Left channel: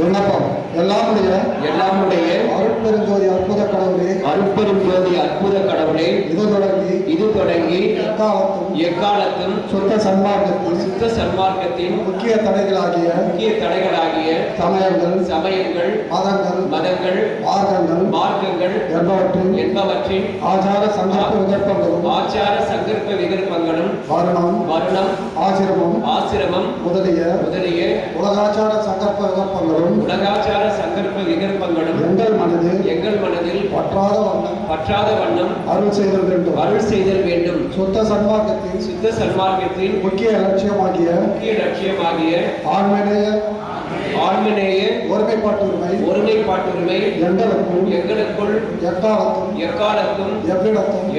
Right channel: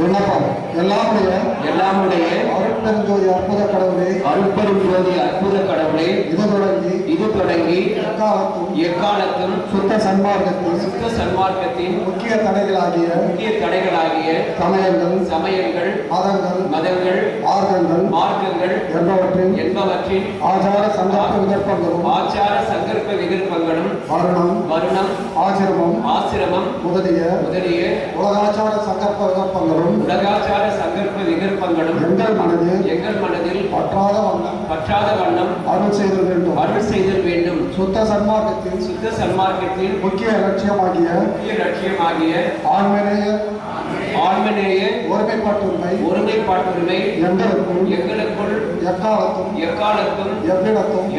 விண்ணப்பம். எல்லாமுடைய அருட்பெருஞ்சோதி அற்புத கடவுளே, அருட்பெருஞ்சோதி அற்புத கடவுளே, இது தொடங்கி எக்காலத்தும் சுத்த சன்மார்க்கத்தின் முக்கிய தடைகளாகிய சமயங்கள் மதங்கள் மார்க்கங்கள் என்பவற்றின் ஆச்சார சங்கற்ப விகற்பங்களும் வருணம் ஆசிரமம் முதலிய உலகாச்சார சங்கற்ப விகற்பங்களும் எங்கள் மனதில் பற்றாத வண்ணம் அருள் செய்தல் வேண்டும். சுத்த சன்மார்க்கத்தின் முக்கிய லட்சியமாகிய ஆன்மநேய ஒருமைப்பாட்டுரிமை எங்களுக்குள் எக்காலத்தும்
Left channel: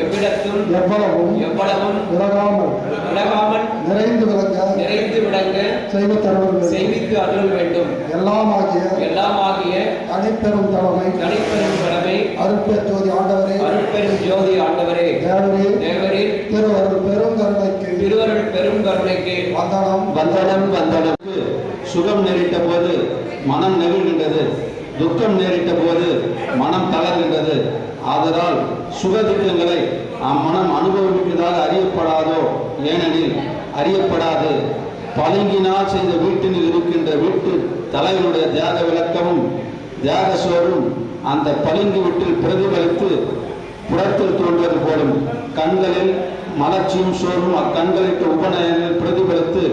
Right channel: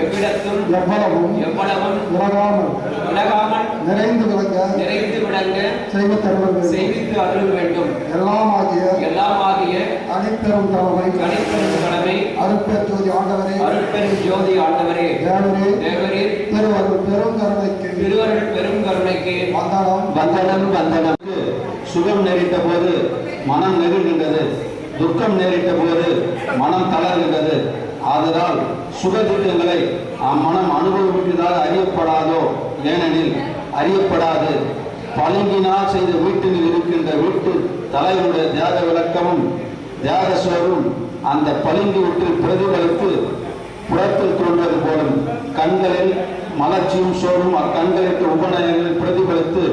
எவ்விடத்தும் எவ்வளவும் உலகாமல் நிறைந்து விளங்க செய்வித்து அருள் வேண்டும். எல்லாமாகிய தனிப்பெரும் கடமை அருட்பெருஞ்சோதி ஆண்டவரே, தேவரே, திருவருள் பெரும் கருணைக்கு வந்தனம். சுகம் நேரிட்ட போது மனம் நெகிழ்கின்றது, துக்கம் நேரிட்ட போது மனம் தளர்கின்றது. ஆதலால் சுகதுக்கங்களை அம்மனம் அனுபவிப்பதாக அறியப்படாதோ, ஏனெனில் அறியப்படாது. பளிங்கினால் செய்த வீட்டில் இருக்கின்ற வீட்டு தலைவனுடைய தியாக விளக்கமும் தியாக சோறும் அந்த பளிங்கு வீட்டில் பிரதிகளுக்கு புறத்தில் தோன்றுவது போலும். கண்களில் மலர்ச்சியும் சோறும் அக்கண்களுக்கு உபநயங்களில் பிரதிபலித்து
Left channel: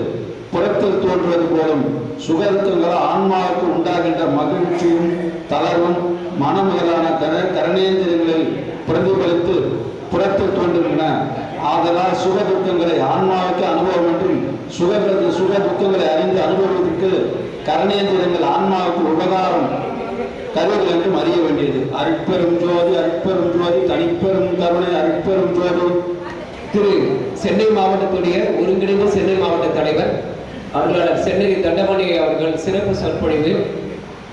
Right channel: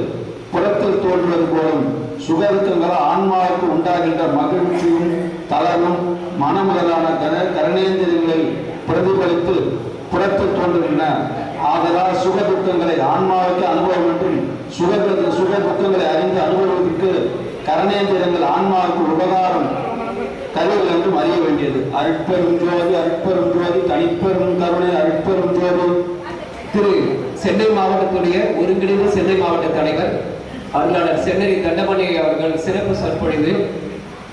புறத்தில் தோன்றுவது போலும். சுகருத்தங்கள் ஆன்மாவுக்கு உண்டாகின்ற மகிழ்ச்சியும் தளர்வும் மனமுதலான கரணேந்திரங்களில் பிரதிபலித்து புறத்தில் தோன்றுகின்றன. ஆதலால் சுகதுக்கங்களை ஆன்மாவுக்கு அனுபவம் என்றும் சுகதுக்கங்களை அறிந்து அனுபவத்திற்கு கரணேந்திரங்கள் ஆன்மாவுக்கு உபகாரம் தருவது என்றும் அறிய வேண்டியது. அருட்பெரும் ஜோதி தனிப்பெரும் கருணை அருட்பெரும் ஜோதி. திரு சென்னை மாவட்டத்துடைய ஒருங்கிணைந்த சென்னை மாவட்ட தலைவர் அருளாளர் சென்னை தண்டமணி அவர்கள் சிறப்பு சொற்பொழிவு.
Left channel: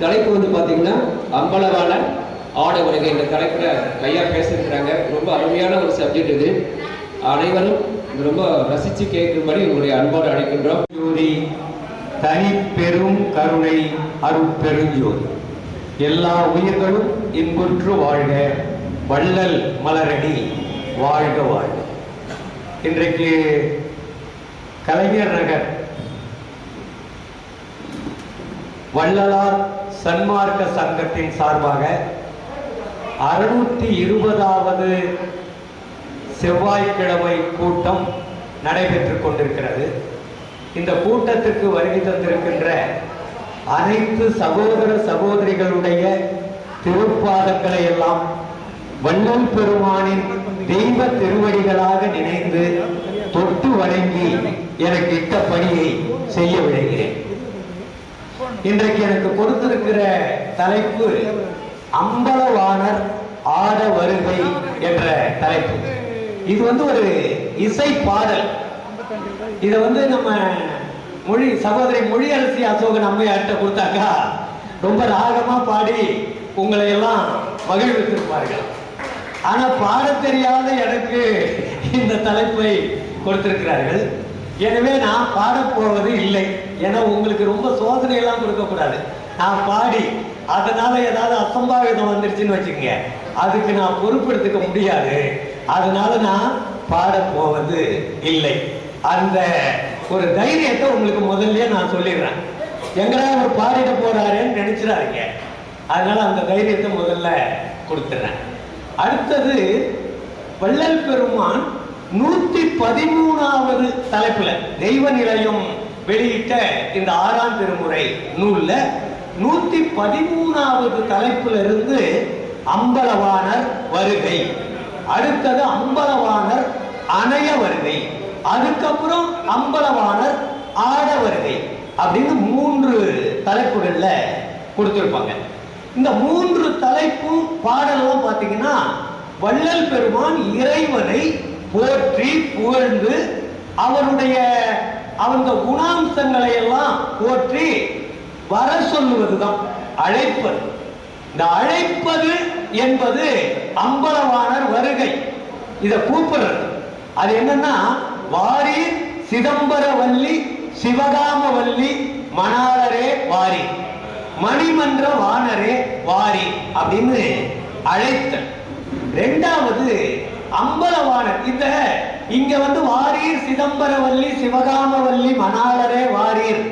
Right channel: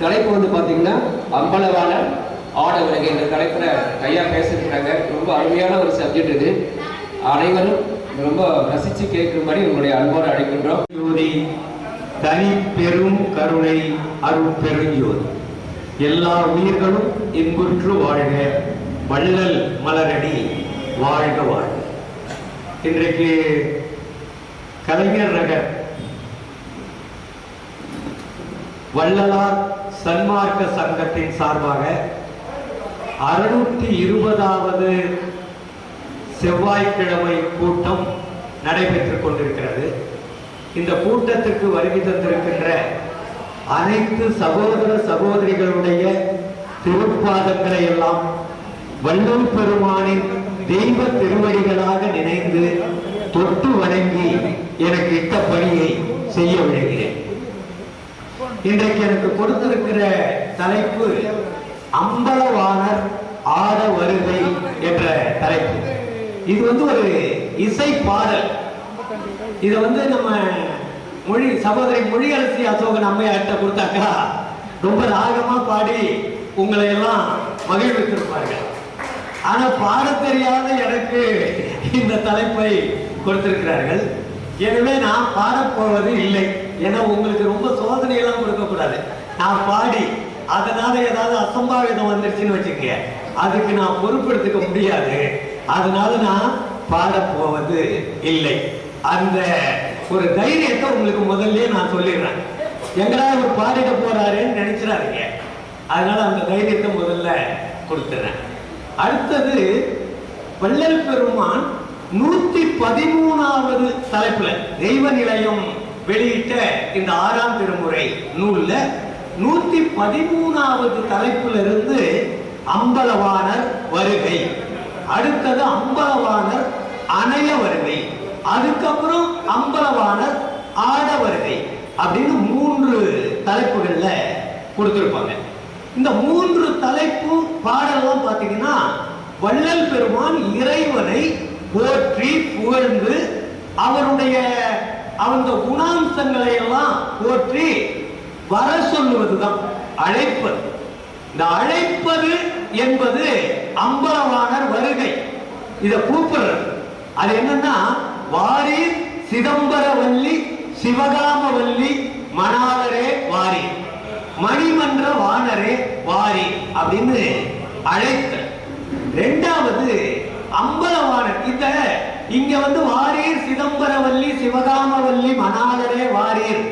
தலைப்பு வந்து பார்த்தீங்கன்னா அம்பலவான ஆட உலகை. இந்த தலைப்புல ஐயா பேசிருக்கிறாங்க. ரொம்ப அருமையான ஒரு சப்ஜெக்ட் இது. அனைவரும் ரொம்ப ரசித்து கேட்கும்படி உங்களுடைய அன்போடு அழைக்கின்றோம். ஜோதி தனிப்பெரும் கருணை அருட்பெருஞ்சோதி. எல்லா உயிர்களும் இன்புற்று வாழ்க, வள்ளல் மலரடி வாழ்க வாழ்க. இன்றைக்கு கலைஞர் நகர் வள்ளலார் சன்மார்க்க சங்கத்தின் சார்பாக 620வது செவ்வாய்க்கிழமை கூட்டம் நடைபெற்றுக் கொண்டிருக்கிறது. இந்த கூட்டத்துக்கு வருகை தந்திருக்கின்ற அனைத்து சகோதர சகோதரிகளுடைய திருப்பாதங்களை எல்லாம் வள்ளல் பெருமானின் தெய்வ திருவடிகளாக நினைந்து தொட்டு வணங்கி எனக்கு இட்ட பணியை செய்ய விளைகிறேன். இன்றைக்கு எனக்கு கொடுத்திருக்கிற தலைப்பு அம்பலவாணர் ஆட வருகை என்ற தலைப்பு. இது ஒரு இசை பாடல். இதை நம்ம சகோதரி மொழியரசி அசோகன் அம்மையார்ட்ட கொடுத்தாக்கா ரொம்ப ராகமா பாடி உங்களை எல்லாம் மகிழ்வித்திருப்பார்கள். ஆனா பாட தெரியாத எனக்கு இந்த தலைப்பை கொடுத்திருக்கிறார்கள். எனவே நான் பாடப்போவது இல்லை. ஏன்னா உங்களுக்கு ரொம்ப சோதனை எல்லாம் கொடுக்கக்கூடாது. நான் பாடி அதனால ஏதாவது அசம்பாவிதம் வந்துருச்சுன்னு வச்சுக்கங்க, அதுக்கு நான் பொறுப்பெடுத்துக்க முடியாது. அதனால நான் பாடப்போவது இல்லை. அந்த ஒரு தைரியத்தை உங்களுக்கு முதல்லயே நான் சொல்லிடுறேன். எங்கடா அவர் பாடிட போறாருன்னு நினைச்சிடாதீங்க. அதனால அந்த தைரியத்தை முதல்ல கொடுத்துறேன். அடுத்தது வள்ளல் பெருமான் 113வது தலைப்புல தெய்வ நிலையம் வெளியிட்ட இந்த 6ஆம் திருமுறை நூல்ல 113வது தலைப்புல இருந்து அம்பலவாணர் வருகை, அடுத்தது அம்பலவாணர் அணைய வருகை, அதுக்கப்புறம் அம்பலவாணர் ஆட வருகை அப்படின்னு 3 தலைப்புகள்ல கொடுத்திருப்பாங்க. இந்த 3 தலைப்பு பாடலாம் பாத்தீங்கன்னா வள்ளல் பெருமான் இறைவனை போற்றி புகழ்ந்து அவருடைய அந்த குணாம்சங்களை எல்லாம் போற்றி வர சொல்லுவதுதான் அழைப்பது. இந்த அழைப்பது என்பது அம்பலவாணர் வருகை. இத கூப்பிடுறது அது என்னன்னா, வாரி சிதம்பரவல்லி சிவகாமவல்லி மணாளரே வாரி மணிமன்ற வாணரே வாரி அப்படின்னு அழைத்தல். இரண்டாவது அம்பலவாணர். இங்க வாரீர் சிதம்பரவல்லி சிவகாமவல்லி மணாளரே வாரீர்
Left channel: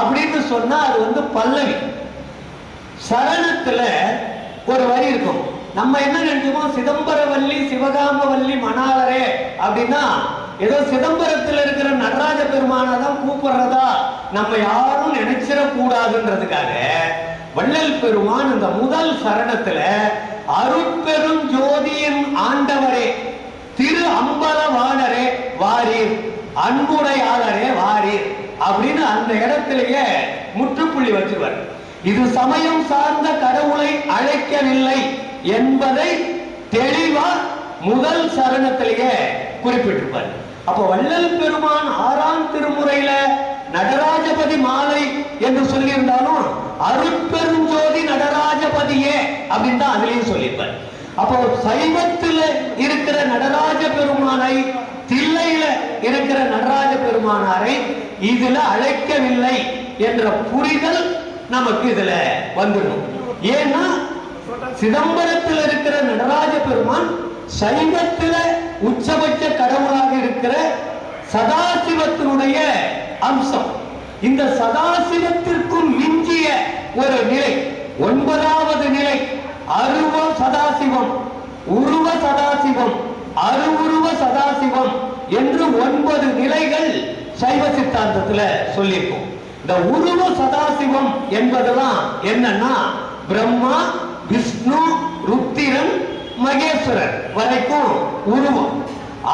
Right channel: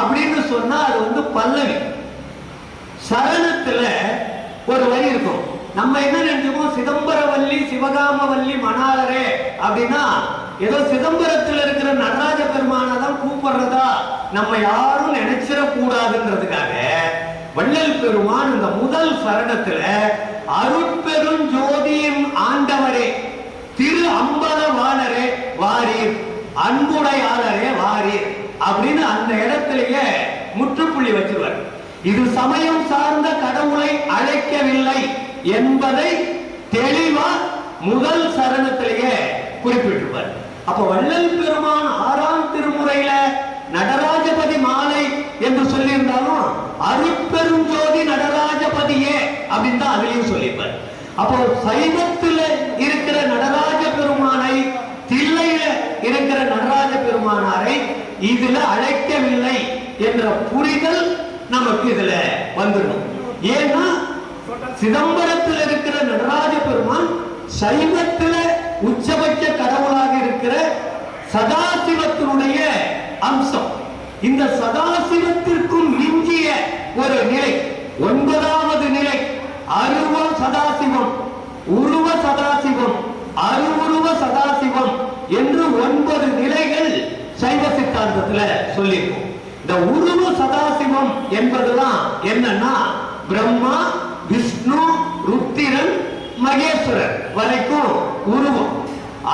அப்படின்னு சொன்னா அது பல்லவி. சரணத்துல ஒரு வரி இருக்கும். நம்ம என்ன நினைச்சோம், சிதம்பரவல்லி சிவகாமவல்லி மணாளரே அப்படின்னா ஏதோ சிதம்பரத்தில் இருக்கிற நடராஜ பெருமானதான் கூப்பிடுறதா நம்ம யாரும் நினைச்சிட கூடாதுன்றதுக்காக வள்ளல் பெருமான் இந்த முதல் சரணத்துல அருட்பெரும் ஜோதியின் ஆண்டவரே திரு அம்பலவாணரே வாரீர் அன்புடையாளரே வாரீர் அப்படின்னு அந்த இடத்திலேயே முற்றுப்புள்ளி வச்சுவார். இது சமயம் சார்ந்த கடவுளை அழைக்கவில்லை என்பதை தெளிவா முதல் சரணத்திலேயே குறிப்பிட்டிருப்பார். அப்ப வள்ளல் பெருமான் 6ஆம் திருமுறையில நடராஜபதி மாலை என்று சொல்லியிருந்தாலும் அருட்பெரும் ஜோதி நடராஜபதியே அப்படின்னு தான் அதுலயும் சொல்லியிருப்பார். அப்போ சைவத்தில் இருக்கிற நடராஜ பெருமானை, தில்லையில இருக்கிற நடராஜ பெருமானாரை இதுல அழைக்கவில்லை என்ற புரிதல் நமக்கு இதுல வந்துடும். ஏன்னா சிதம்பரத்தில் இருக்கிற நடராஜ பெருமான் சைவத்தில் உச்சபட்ச கடவுளாக இருக்கிற சதாசிவத்தினுடைய அம்சம். இந்த சதாசிவத்திற்கும் மிஞ்சிய ஒரு நிலை, 9வது நிலை அருவ சதாசிவம், உருவ சதாசிவம், அருவுருவ சதாசிவம் என்று 9 நிலைகள் சைவ சித்தாந்தத்துல சொல்லியிருக்கோம். இந்த உருவ சதாசிவம் என்பதெல்லாம் என்னன்னா பிரம்மா, விஷ்ணு, ருத்திரன், மகேஸ்வரர் வரைக்கும் உருவம்.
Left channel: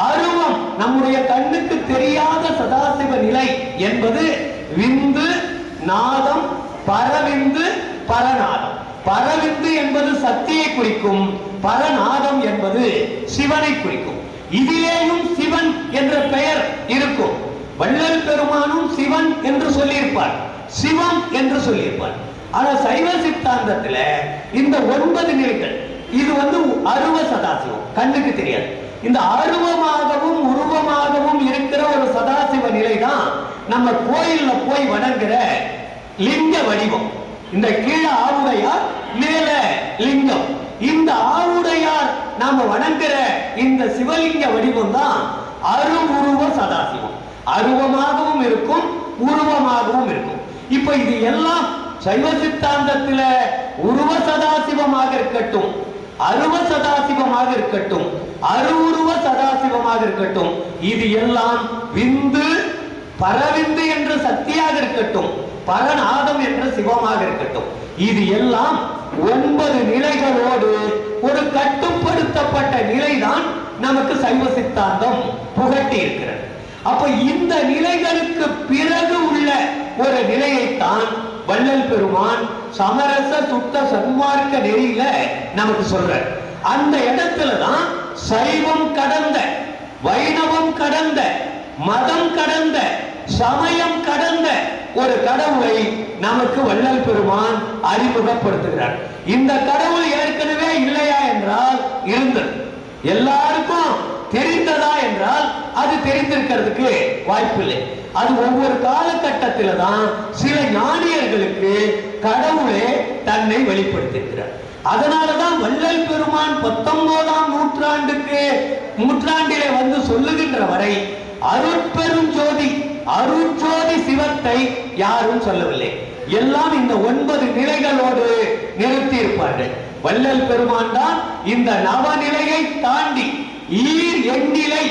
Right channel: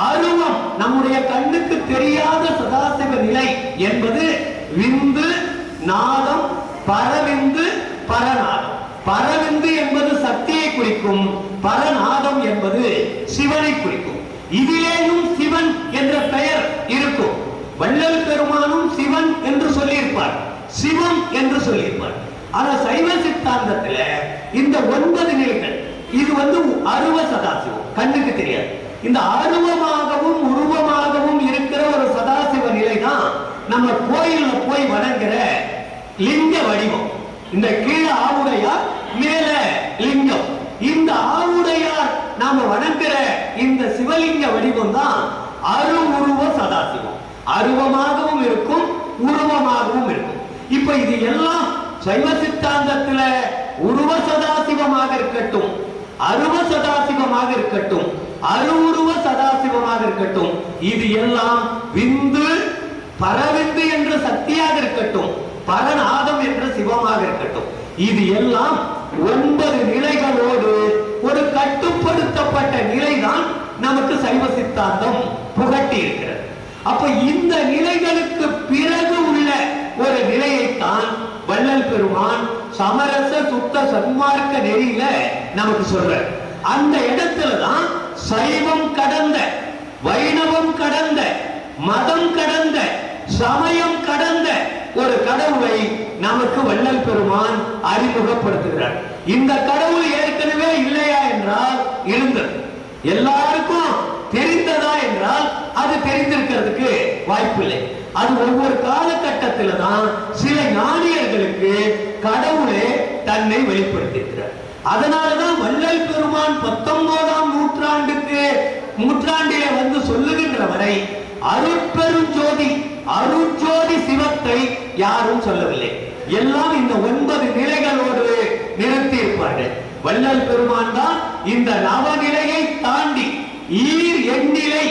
அருவம் நம்முடைய கண்ணுக்கு தெரியாத சதாசிவ நிலை என்பது விந்து, நாதம், பரவிந்து, பரநாதம். பரவிந்து என்பது சக்தியை குறிக்கும், பரநாதம் என்பது சிவனை குறிக்கும். இதிலேயும் சிவன் என்ற பெயர் இருக்கும். வள்ளல் பெருமானும் சிவன் என்று சொல்லியிருப்பார், சிவம் என்று சொல்லியிருப்பார். ஆனா சைவ சித்தாந்தத்துல இந்த 9 நிலைகள் இது அருவ சதாசிவம், கண்ணுக்கு தெரியாது. இந்த அருவமாகவும் உருவமாகவும் இருக்கிற ஒரு சதாசிவ நிலை தான் நம்ம கோயில்ல போய் வணங்குற லிங்க வடிவம். இந்த கீழே ஆவுடையார், மேல லிங்கம். இந்த ஆவுடையார் நாம வணங்குற இந்த சிவலிங்க வடிவம் தான் அருவுருவ சதாசிவம். அருவமாகவும் இருக்கும், உருவமாகவும் இருக்கும். இப்ப இது எல்லாம் சைவ சித்தாந்தத்துல உருவ சதாசிவமாக இருக்கட்டும், அருவ சதாசிவமாக இருக்கட்டும், அருவுருவ சதாசிவமாக இருக்கட்டும், இது எல்லாம் விந்து, பரவிந்து என்ற சக்தியாக இருக்கட்டும், பரநாதம் என்ற சிவமாக இருக்கட்டும், இது எல்லாம் 9 நிலைகளோடு ஒரு கட்டுப்படுத்தப்பட்ட நிலைதான் நமக்கு சைவ சித்தாந்தம் புகட்டி இருக்கிறது. அப்ப இந்த நிலைகளுக்கு பிறகு உள்ள ஒரு நிலையைத்தான் வள்ளல் பெருமான் சமரச சுத்த சன்மார்க்க நெறியில நமக்கு சொல்ற. அந்த இடத்துலதான் சைவம் கடந்த, வைணவம் கடந்த, மதம் கடந்த, சமயம் கடந்த ஒரு கடவுளை நமக்கு வள்ளல் பெருமான் அறிமுகப்படுத்துகிறார். இந்த கடவுள் ஏற்கனவே இல்லையா என்றால் இருந்தது. எல்லாருக்கும் தெரிந்ததா என்றால் அது தெரிந்திருக்கிறதுக்கு வாய்ப்பில்லை. அது ஒவ்வொரு காலகட்டத்தில தான் சில ஞானியர்களுக்கு கடவுளே தன்னை வெளிப்படுத்தியிருக்கிறார். அதனாலதான் வள்ளல் பெருமான் 19ஆம் நூற்றாண்டிலே சொல்லுகின்ற வரை அருட்பெருஞ்சோதி, அருட்ஜோதி சிவத்தை யாரும் சொல்லவில்லை. எல்லாம் இந்த 9 நிலைகளோடு நிறுத்தி இருப்பார்கள். வள்ளல் பெருமான் தான் இந்த நவநிலையை தாண்டி ஈர் எண்ணிலை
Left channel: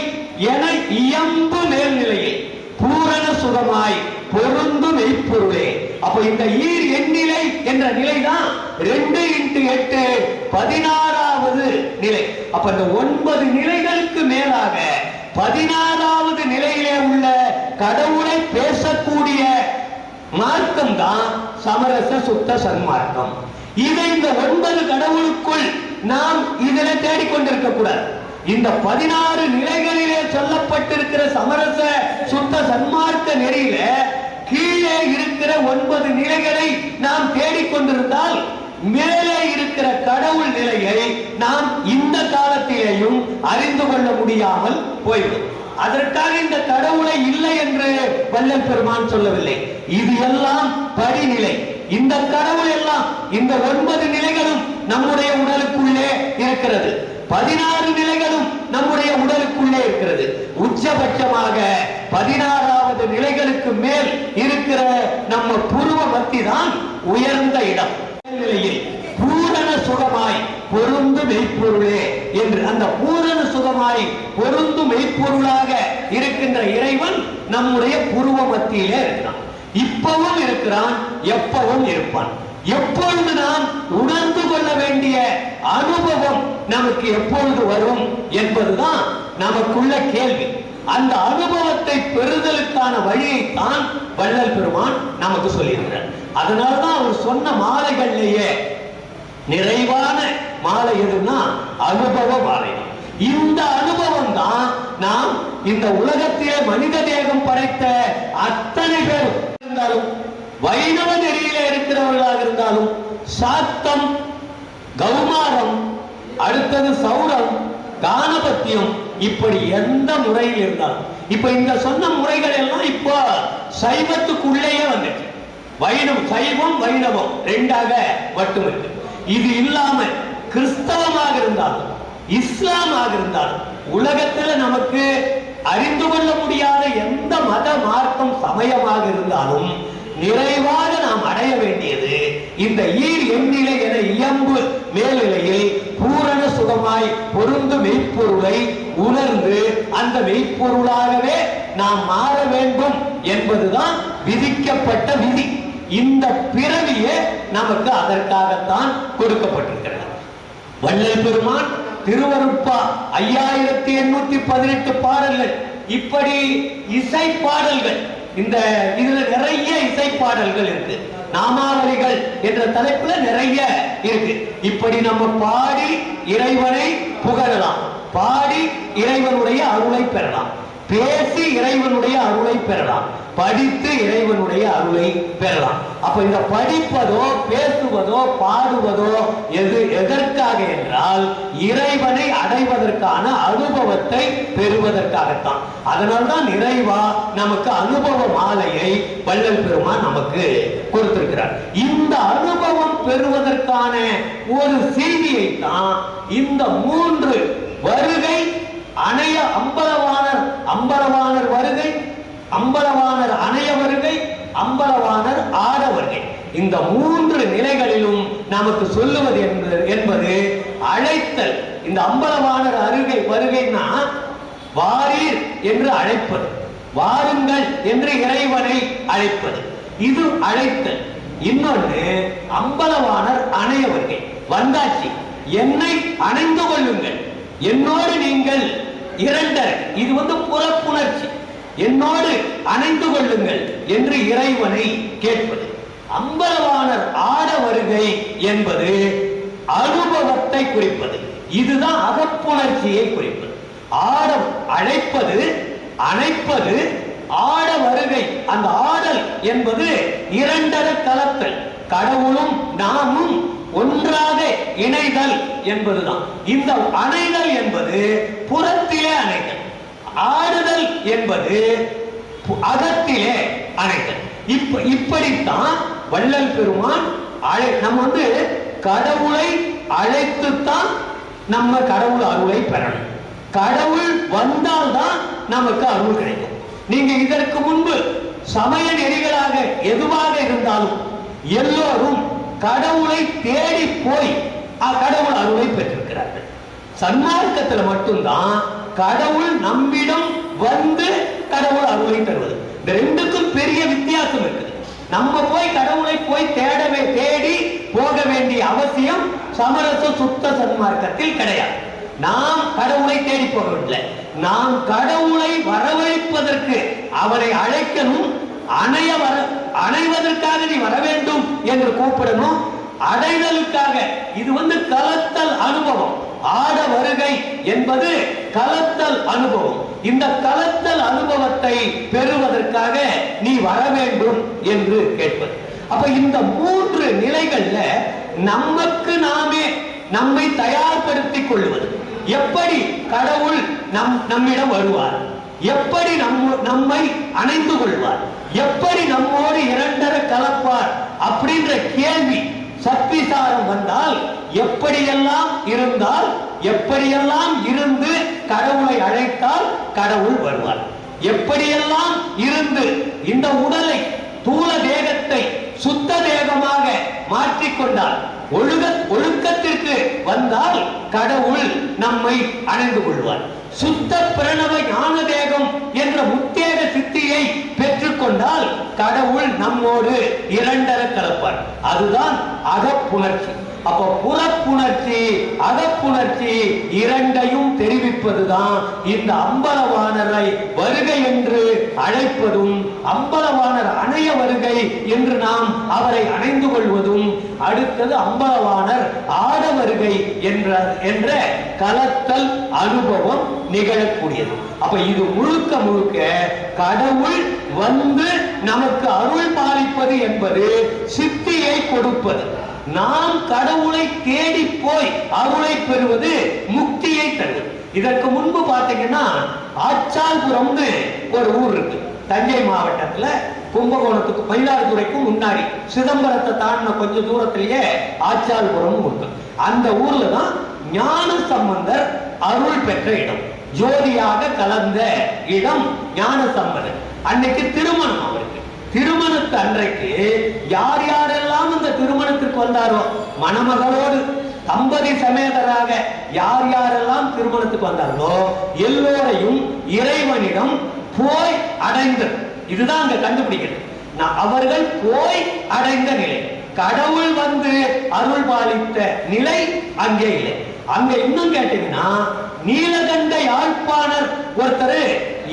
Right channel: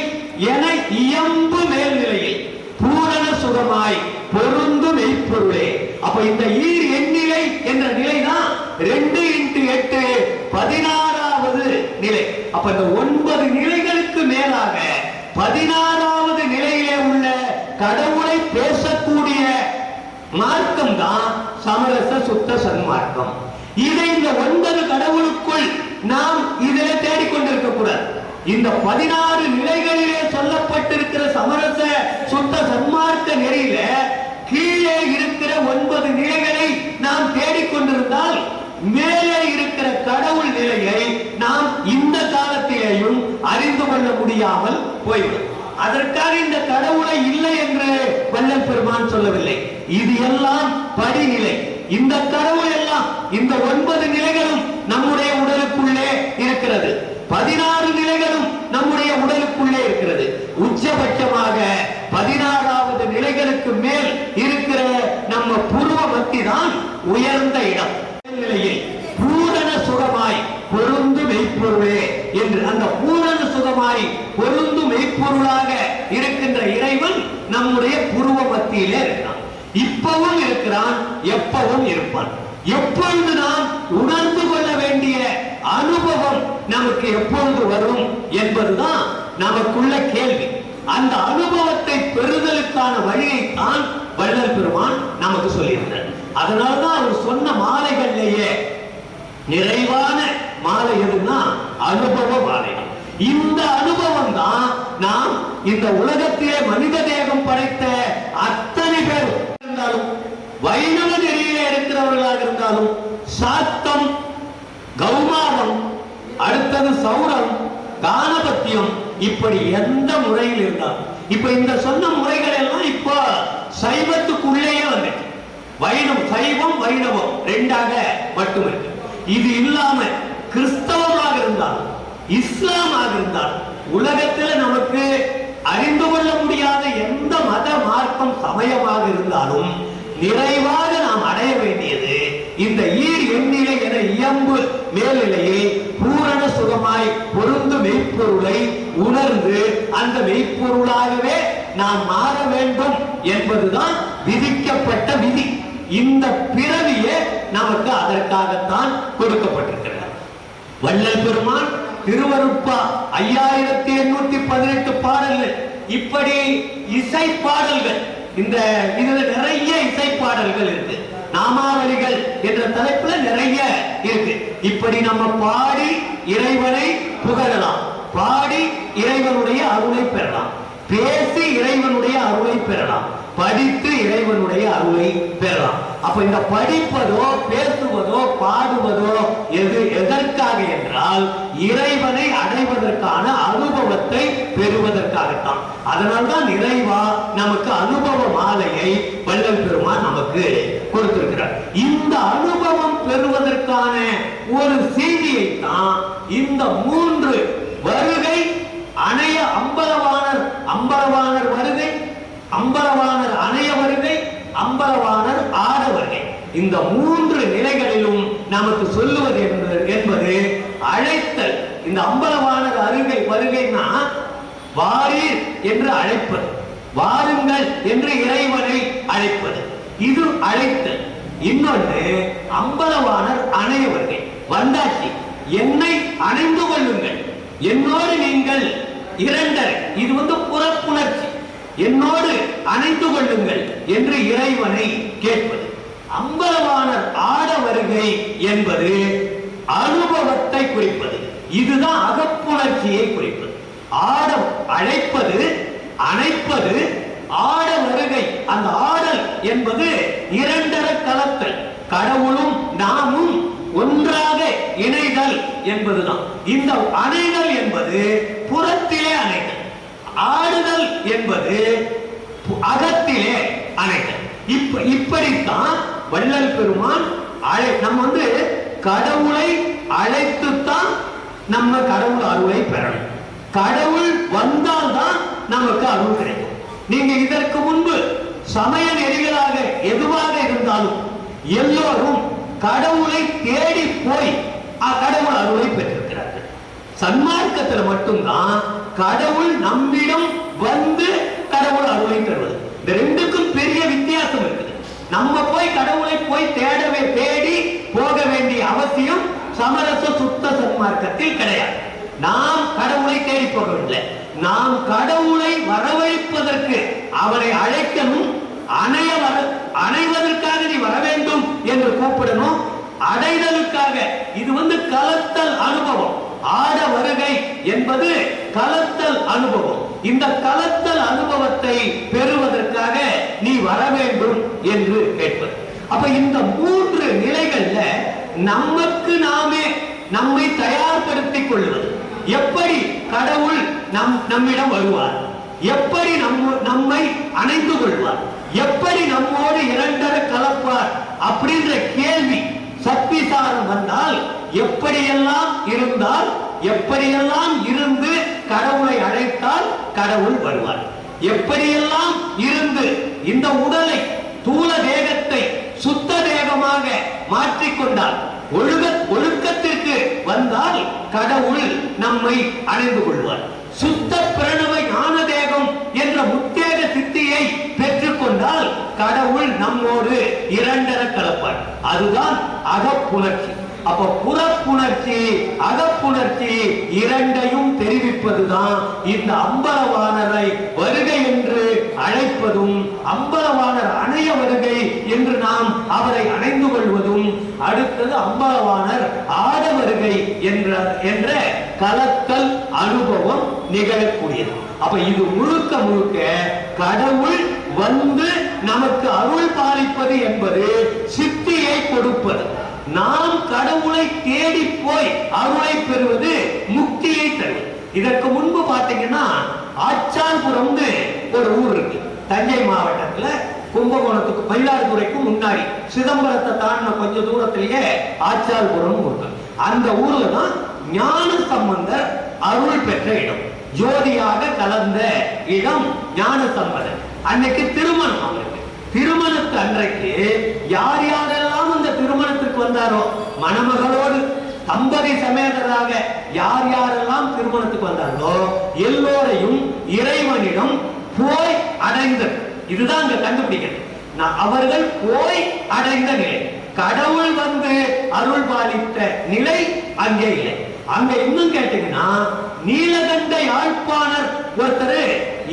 என இயம்பு மேல்நிலையை பூரண சுகமாய் பொருந்து மெய்ப்பொருளே. அப்ப இந்த ஈர் எண்ணிலை என்ற நிலை தான் 2x8 16வது நிலை. அப்ப இந்த 9 நிலைகளுக்கு மேலாக 16வது நிலையிலே உள்ள கடவுளை பேசக்கூடிய மார்க்கம் தான் சமரச சுத்த சன்மார்க்கம். இதை இந்த 9 கடவுளுக்குள் நாம் இதில் தேடிக்கொண்டிருக்க கூடாது. இந்த 16 நிலைகளிலே சொல்லப்பட்டிருக்கிற சமரச சுத்த சன்மார்க்க நெறியில கீழே இருக்கிற 9 நிலைகளை நாம் தேடிக்கொண்டிருந்தால் மேலே இருக்கிற கடவுள் நிலையை நாம் இந்த காலத்திலேயும் அறிந்து கொள்ள முடியாமல் போய்விடும். அதற்காக இந்த கடவுளை இல்லை என்று வள்ளல் பெருமான் சொல்லவில்லை. இது எல்லாம் படிநிலை. இந்த கடவுள் எல்லாம் இந்த 9 நிலைகளும் நம்முடைய உடலுக்குள்ளே இருக்கிறது. 16 நிலைகளும் நம்முடைய உடலுக்குள்ளே இருக்கிறது. உச்சபட்சமாக 16வது நிலைகளுக்கு மேல் இருக்கிற நம்ம புருவ மத்தி தான் உயர்ந்த இடம். நிலையில் பூரண சுகமாய் பொருந்து மெய்ப்பொருளே என்று அந்த பூரண சுகமாய் பொருந்து மெய்ப்பொருளாக இருக்கின்ற இறைவன் நம்முடைய புருவ மத்தியிலே இருக்கிறான். இப்பவும் இருக்கிறான், எப்பவும் இருப்பான். எப்பொழுது நாம் உணர்ந்து கொள்ள வேண்டிய அனுபவம் நமக்கு எப்பொழுது வரும் என்பதுதான் நமக்குள்ள கேள்வி. அந்த அனுபவத்தை பெறுதலுக்கான வழியை தான் வள்ளல் பெருமான் நமக்கு சொல்லியிருக்கிறார். அதனால்தான் அவர் சொன்ன மாலைகள்லேயே நிறைவான மாலை எதுன்னா அனுபவ மாலை. இந்த அனுபவம் தான் நாம் இந்த உலகத்திலே மனித தேகம் படைத்த அத்தனை பேரும் இருந்தாலும், வைணவ நெறியிலே இருக்கிறவர்களாக இருந்தாலும், சாத்தம், கௌமாரம், அடுத்தது சௌரம், கானபத்தியம், இப்படி எந்த முறையில் இருந்தாலும், இப்ப இந்த சொன்ன முறைகள் எல்லாம் இப்ப சைவத்துக்குள்ளேயே வந்துட்டு வைணவம், சைவம் வைணவம் ரெண்டாக மட்டும் இருக்கு. இது இல்லாம கிறிஸ்தவமாக இருந்தாலும் இஸ்லாமாக இருந்தாலும் உலகத்தில் நமக்கு அறிந்து கொள்ள முடியாத எந்த மத மார்க்கம் சமயமாக இருந்தாலும் நிறைவாக நாம் அடைய வேண்டியது இந்த எண்ணிலை என இயம்பு மேல்நிலையில் பூரண சுகமாய் பொருந்து மெய்ப்பொருளை உணர்ந்து அந்த மெய்ப்பொருளாகவே நாம் மாற வேண்டும் என்பதுதான் விதிக்கப்பட்ட விதி. இந்த பிறவியே நமக்கு அதற்காகத்தான் கொடுக்கப்பட்டிருக்கிறது. வள்ளல் பெருமான் திருவருட்பா 5818 பாடல்கள், இப்படி இசை பாடல்கள், இந்த இதுல நிறைய இசை பாடல்கள் இருக்கு. நாமாவளிகள் என்ற தலைப்புல நிறைய இருக்கு. இப்படி நம்ம பாடி இறைவனை புகழலாம், பாடி இறைவனுடைய அருளை பெறலாம், பேசி இறைவனுடைய அருளை பெறலாம், படித்து இறைவனுடைய அருளை பெறலாம். அப்ப இந்த படிப்பதோ பேசுவதோ பாடுவதோ எதற்காக என்றால் இறைவனை அடைவதற்கான அனுபவத்தை பெறுவதற்காகத்தான். அதனால்தான் இறைவா நமக்கு அனுபவ மாலையை வள்ளல் பெருமான் நமக்கு கொடுத்திருக்கிறார். இந்த அனுபவம் பெறுவதற்கான ஒரு செய்தியை தான் இந்த 3 வருகை அணைய அம்பலவாணர் வருகை, அம்பலவாணர் அணைய வருகை, அம்பலவாணர் ஆட வருகை, இந்த 3 நிலைகளிலும் நமக்கு சொல்லுவது என்பது அழைத்தல். இந்த அம்பலவாணர் வருகைன்னா வாரீர் என்று அழைப்பது, வாருங்கள் என்று இறைவனை அழைப்பது, இது அழைத்தல். இன்னொன்று அம்பலவாணர் அணைய வருகை, வந்தாட்சி, என்னை அணைந்து கொள்ளுங்கள், என்னோடு நீங்கள் இரண்டர், இது புறப்புணர்ச்சி, என்னோடு அணைந்து கொள்ளுங்கள் என்று இறைவனை கேட்பது. அம்பலவாணர் ஆட வருகை என்பது அனுபவத்தை குறிப்பது, இதுதான் அகப்புணர்ச்சியை குறிப்பது. ஆட அழைப்பது, அணைப்பது, ஆட வருகை, அந்த ஆடல் என்பது இரண்டர கலத்தல், கடவுளும் நாமும் ஒன்றாக இணைதல் என்பதுதான். இந்த அணைதல் என்பது புறத்திலே அணைதல், ஆடுதல் என்பது அகத்திலே அணைதல். இப்படித்தான் வள்ளல் பெருமான் நம்ம கடவுளை அழைத்துத்தான் நம்ம கடவுள் அருளை பெறணும். கடவுள் வந்தால்தான் நமக்கு அருள் கிடைக்கும். நீங்க இதற்கு முன்பு சமய நெறிகளாக எதுவாக இருந்தாலும் எல்லோரும் கடவுளை தேடி போய் கடவுள் அருளை பெற்றிருக்கிறார்கள். சன்மார்க்கத்தில் மட்டும்தான் கடவுள் நம்மிடம் வந்து கடவுள் அருளை தருவது. இந்த ரெண்டுக்கும் பெரிய வித்தியாசம் இருக்குது. நம்ம போய் கடவுளை போய் தேடி போக வேண்டிய அவசியம் சமரச சுத்த சன்மார்க்கத்தில் கிடையாது. நாம் கடவுளை தேடி போகவில்லை, நாம் கடவுளை வரவழைப்பதற்கு அவரை அழைக்கணும், அணைவதற்காக நீ வர வேண்டும் என்று கூப்பிடணும், அடைதலுக்காக. இது கலத்தல் அனுபவம். ஆட வருகை என்பது கலத்தல் அனுபவம். இந்த கலத்தல் அனுபவத்தை பெறுவதற்காக நீ வர வேண்டும் என்று கேட்பது. அப்ப இந்த 3 நிலைகள்ல நமக்கு நாமே நம்மை தயார்படுத்திக் கொள்வது. எப்படி கடவுள் நம்மிடம் வருவார், எப்படி நம்மை அணைந்து கொள்வார், எப்படி நம்மோடு இரண்டர கலப்பார், அப்படி அப்படின்ற கேள்வி சத்விசாரம் வந்தால் எப்படியெல்லாம் இருந்தால், எப்படியெல்லாம் இருந்து கடவுளை அழைத்தால் கடவுள் வருவார், எப்படியெல்லாம் இருந்து இந்த உடலை தூள தேகத்தை சுத்த தேகமாக மாற்றிக்கொண்டால், ஒழுக்கத்திற்கு வந்தால் கடவுள் நம்மை அணைந்து கொள்வார். சுத்த பிரணவ ஞான தேகம் என்ற முத்தேக சித்தியை பெற்றுக் கொண்டால் கடவுள் நம்மோடு இரண்டர கலப்பார். அதுதான் அகப்புணர்ச்சி. அப்ப புறப்புணர்ச்சி அகப்புணர்ச்சி இரண்டையும் தெரிவிப்பதுதான் இந்த அம்பலவாணரை வருகை என்று அழைப்பதும், அம்பலவாணர் அணைய வருகை என்று நாம் அவரை அணைந்து கொள்வதும், அடுத்தது அம்பலவாணர் ஆட வருகை என்ற கலத்தல் அனுபவம் நிகழக்கூடியது. அப்ப இது முழுக்க முழுக்க கடவுள் வந்து நமக்கு அருள் பாலிப்பது என்பது சித்தியை கொடுப்பது. நாம் கடவுளை தேடி போய் அருளை பெறுவது முக்தியை தரும். இதற்கு முன்பு பாத்தீங்கன்னா ஆச்சால்புரம்னு ஒரு ஊர் இருக்கு தஞ்சை மாவட்டத்துல, கும்பகோணத்துக்கு மயிலாடுதுறைக்கு முன்னாடி சிதம்பரத்தை தாண்டின கொஞ்ச தூரத்திலேயே ஆச்சால்புரம் இருக்கு. அந்த ஊர்ல தான் ஞான சம்பந்தர் அருள் பெற்ற இடம், ஜோதியாக கலந்த இடம் ஞான சம்பந்தர். அன்னைக்கு திருமணம் அவருக்கு. திருமணத்து அன்றைக்கு யார் யாரெல்லாம் அந்த திருமணத்திற்கு வந்தாரோ, மணமகளோடு தம்பதி சமேதராக யார் யாரெல்லாம் திருமணத்துக்கு வந்தார்களோ எல்லோரையும் இறைவனிடம் போய் அடைந்த, இதுதான் அங்க கண்டுபிடிக்கணும். அவர்கள் போய் அடைந்த நிலை, கடவுள் வந்து அருள் பாலித்த நிலை அங்கே இல்லை. அங்க இன்னும் கேட்டீங்கன்னா நீலகண்ட யாழ்ப்பாணர் ஒருத்தர்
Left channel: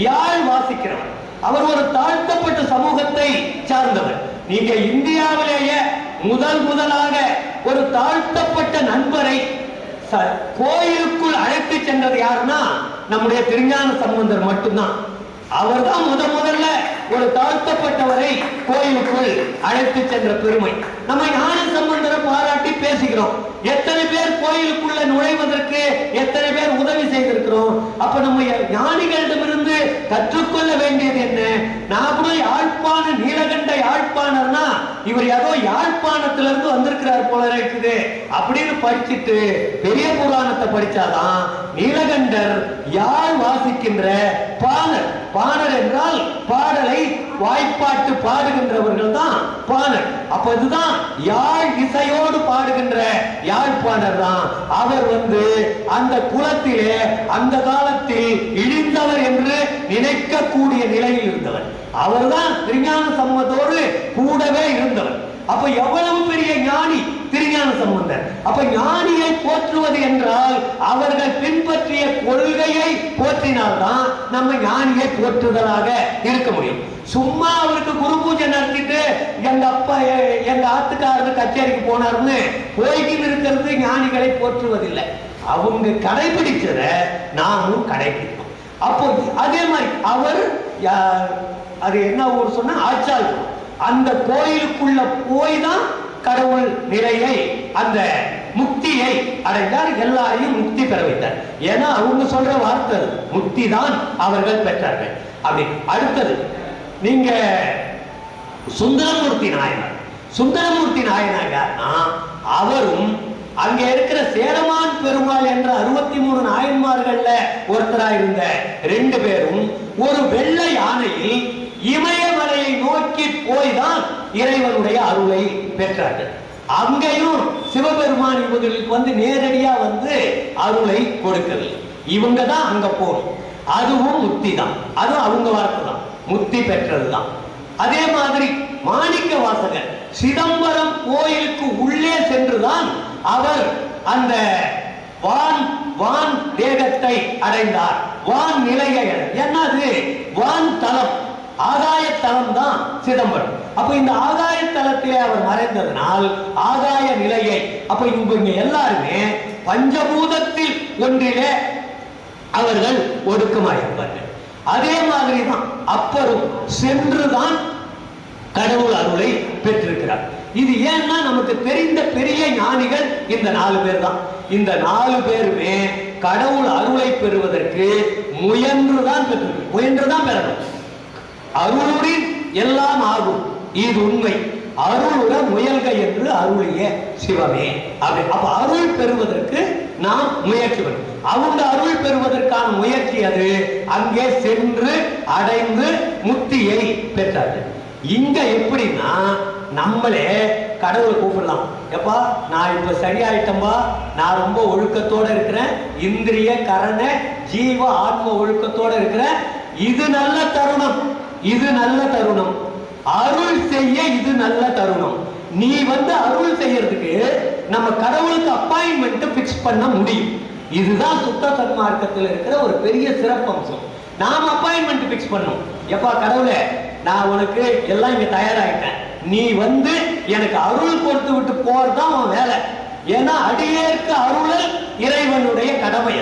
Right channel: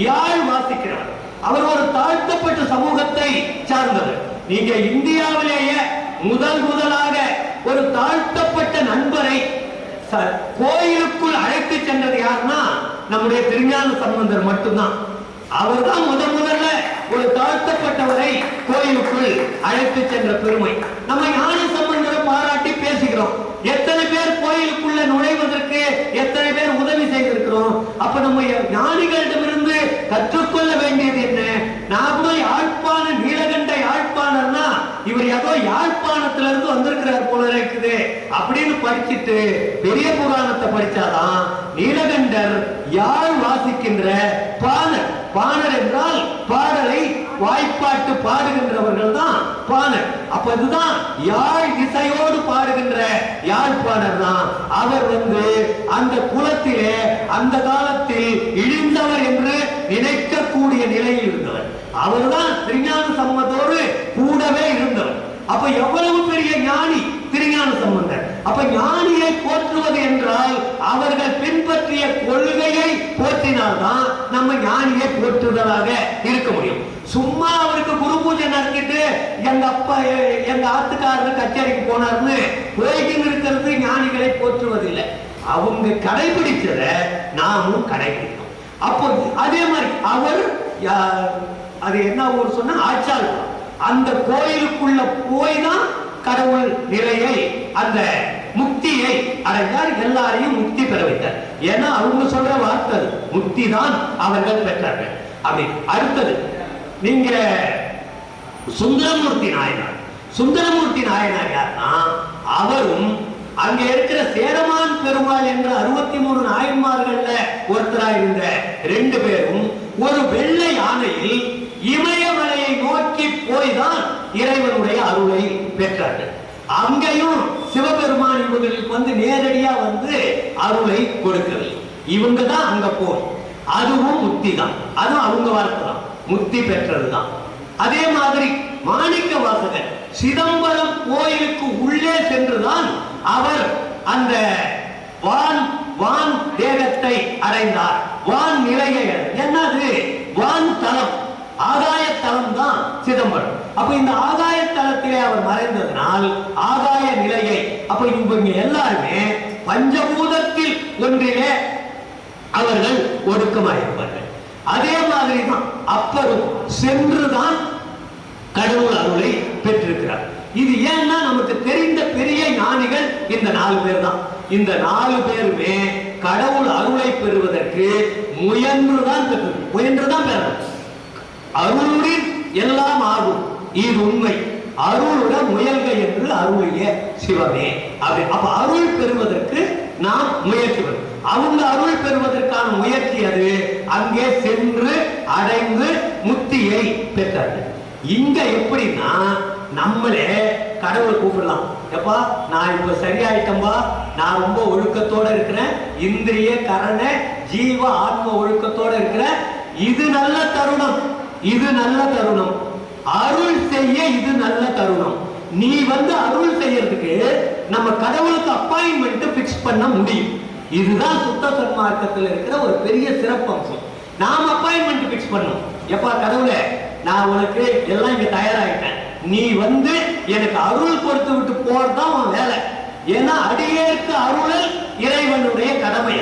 யாழ் வாசிக்கிறார். அவர் ஒரு தாழ்த்தப்பட்ட சமூகத்தை சார்ந்தவர். நீங்க இந்தியாவிலேயே முதலாக ஒரு தாழ்த்தப்பட்ட நண்பரை கோயிலுக்குள் அழைத்து சென்றது யாருன்னா நம்முடைய திருஞான சம்பந்தர் மட்டும்தான். அவர் தான் முதல்ல ஒரு தாழ்த்தப்பட்டவரை கோயிலுக்குள் அழைத்து சென்ற பெருமை. நம்ம ஞான சம்பந்தரை பாராட்டி பேசுகிறோம். எத்தனை பேர் கோயிலுக்குள்ள நுழைவதற்கு எத்தனை பேர் உதவி செய்திருக்கிறோம். அப்ப நம்ம ஞானிகளிடமிருந்து கற்றுக்கொள்ள வேண்டியது என்ன? நான் கூட யாழ்ப்பாண நீலகண்ட யாழ்ப்பாணர்னா இவர் ஏதோ யாழ்ப்பாணத்திலிருந்து வந்திருக்கிறார் போல இருக்குது அப்படின்னு படிச்சுட்டு பெரிய புராணத்தை படிச்சாதான் நீலகண்டர் யாழ் வாசிக்கின்ற பாணர். பாணர் என்றால் பாடலை வாய்ப்பாட்டு பாடுகின்றவர்கள் தான் பாணர். அப்ப இதுதான் யாழ் இசையோடு பாடுகின்ற யாழ்ப்பாணர் தான். அவர் வந்து அந்த குலத்திலே அந்த காலத்தில் இழிந்தவர் என்று நினைக்கக்கூடிய நிலையில் இருந்தவர். அவர்தான் திருஞான சம்பந்தரோடு கூடவே இருந்தவர். அப்ப எவ்வளவு பெரிய ஞானி திருஞான சம்பந்தர். அப்ப ஞானியை போற்றுவது என்றால் அவர்கள் பின்பற்றிய கொள்கையை போற்றினால்தான் நம்ம ஞானியை போற்றுவதாக இருக்க முடியும். சும்மா அவருக்கு குரு பூஜை நடத்திட்டு எங்க அப்பா எங்க ஆத்துக்காரர் கச்சேரிக்கு போனார்னு போய்கிட்டு இருக்கிறது ஞானிகளை போற்றுவதில்லை. அவங்க கடைபிடிச்சத நாமும் கடைபிடிக்கணும். அப்போ அதே மாதிரி அவர் அது என்ன ஊர் சொன்ன ஆச்சால், அந்த கோயிலுக்குள்ள போய் தான் கடவுள் நிலையை அந்த முக்தியை அடைந்தார். எல்லாரையும் முக்தி பெற வைத்தார். ஏன்னா அவங்க சொல்ற வார்த்தை முக்தி தான் அவர்கள் பெற்றார்கள். அப்படி அடுத்தது நீங்க சுந்தரமூர்த்தி நாயனார். சுந்தரமூர்த்தி நாயனார் யாருன்னா அவரும் அங்க இருக்கிற சேரமான் பெருமாள் என்ற 63 நாயன்மார்கள்ல ஒருத்தராயிருந்த 2 பேரும் ஒரு வெள்ளை யானையில் இமயமலையை நோக்கி போய்தான் இறைவனுடைய அருளை பெற்றார்கள். அங்கேயும் சிவபெருமான் இவர்களுக்கு வந்து நேரடியா வந்து அருளை கொடுக்கிறது. இவங்க தான் அங்க போகும். அதுவும் முக்தி தான். அதுவும் அவங்க வார்த்தை தான், முக்தி பெற்றதுதான். அதே மாதிரி மாணிக்க வாசகர் சிதம்பரம் கோயிலுக்கு உள்ளே சென்றுதான் அவர் அந்த வான் தேகத்தை அடைந்தார். வான் நிலையை என்னது? வான் தலம், ஆகாய தலம் தான் சிதம்பரம். அப்ப இந்த ஆகாய தலத்திலே அவர் மறைந்ததனால் ஆகாய நிலையை, அப்ப இவங்க எல்லாருமே பஞ்சபூதத்தில் ஒன்றிலே அவர்கள் ஒடுக்கமாயிருப்பார்கள். அதே மாதிரி தான் அப்பரும் சென்றுதான் கடவுள் அருளை பெற்றிருக்கிறார். இது ஏன்னா நமக்கு தெரிந்த பெரிய ஞானிகள் இந்த 4 பேர் தான். இந்த 4 பேருமே கடவுள் அருளை பெறுவதற்கு முயன்றுதான் பெறணும். அருளுடன் எல்லாம் ஆகும், இது உண்மை. அருளுடன் முயல்க அருளிய சிவமே. அப்ப அருள் பெறுவதற்கு நாம் முயற்சி பண்ணணும். அவங்க அருள் பெறுவதற்கான முயற்சி அது. அங்கே சென்று அடைந்து முக்தியை பெற்றார்கள். இங்க எப்படின்னா நம்மளே கடவுள் கூப்பிடலாம். எப்பா நான் இப்ப சரியாயிட்டம்பா, நான் ரொம்ப ஒழுக்கத்தோட இருக்கிறேன், இந்திரிய கரண ஜீவ ஆத்ம ஒழுக்கத்தோட இருக்கிறேன், இது நல்ல தருணம், இது நல்ல தருணம், அருள் செய்ய இது நல்ல தருணம். நீ அருள் செய்யறதுக்கு நம்ம கடவுளுக்கு அப்பாயின்மெண்ட் பிக்ஸ் பண்ண முடியும். இதுதான் சுத்த சன்மார்க்கத்தில் இருக்கிற ஒரு பெரிய சிறப்பம்சம். நாம அப்பாயின்மெண்ட் பிக்ஸ் பண்ணோம். எப்பா கடவுளே, நான் உனக்கு எல்லாம் இங்க தயாராகிட்டேன், நீ எனக்கு அருள் கொடுத்து விட்டு போறதுதான் அவன் வேலை. ஏன்னா அடியேற்க அருள் இறைவனுடைய கடமை.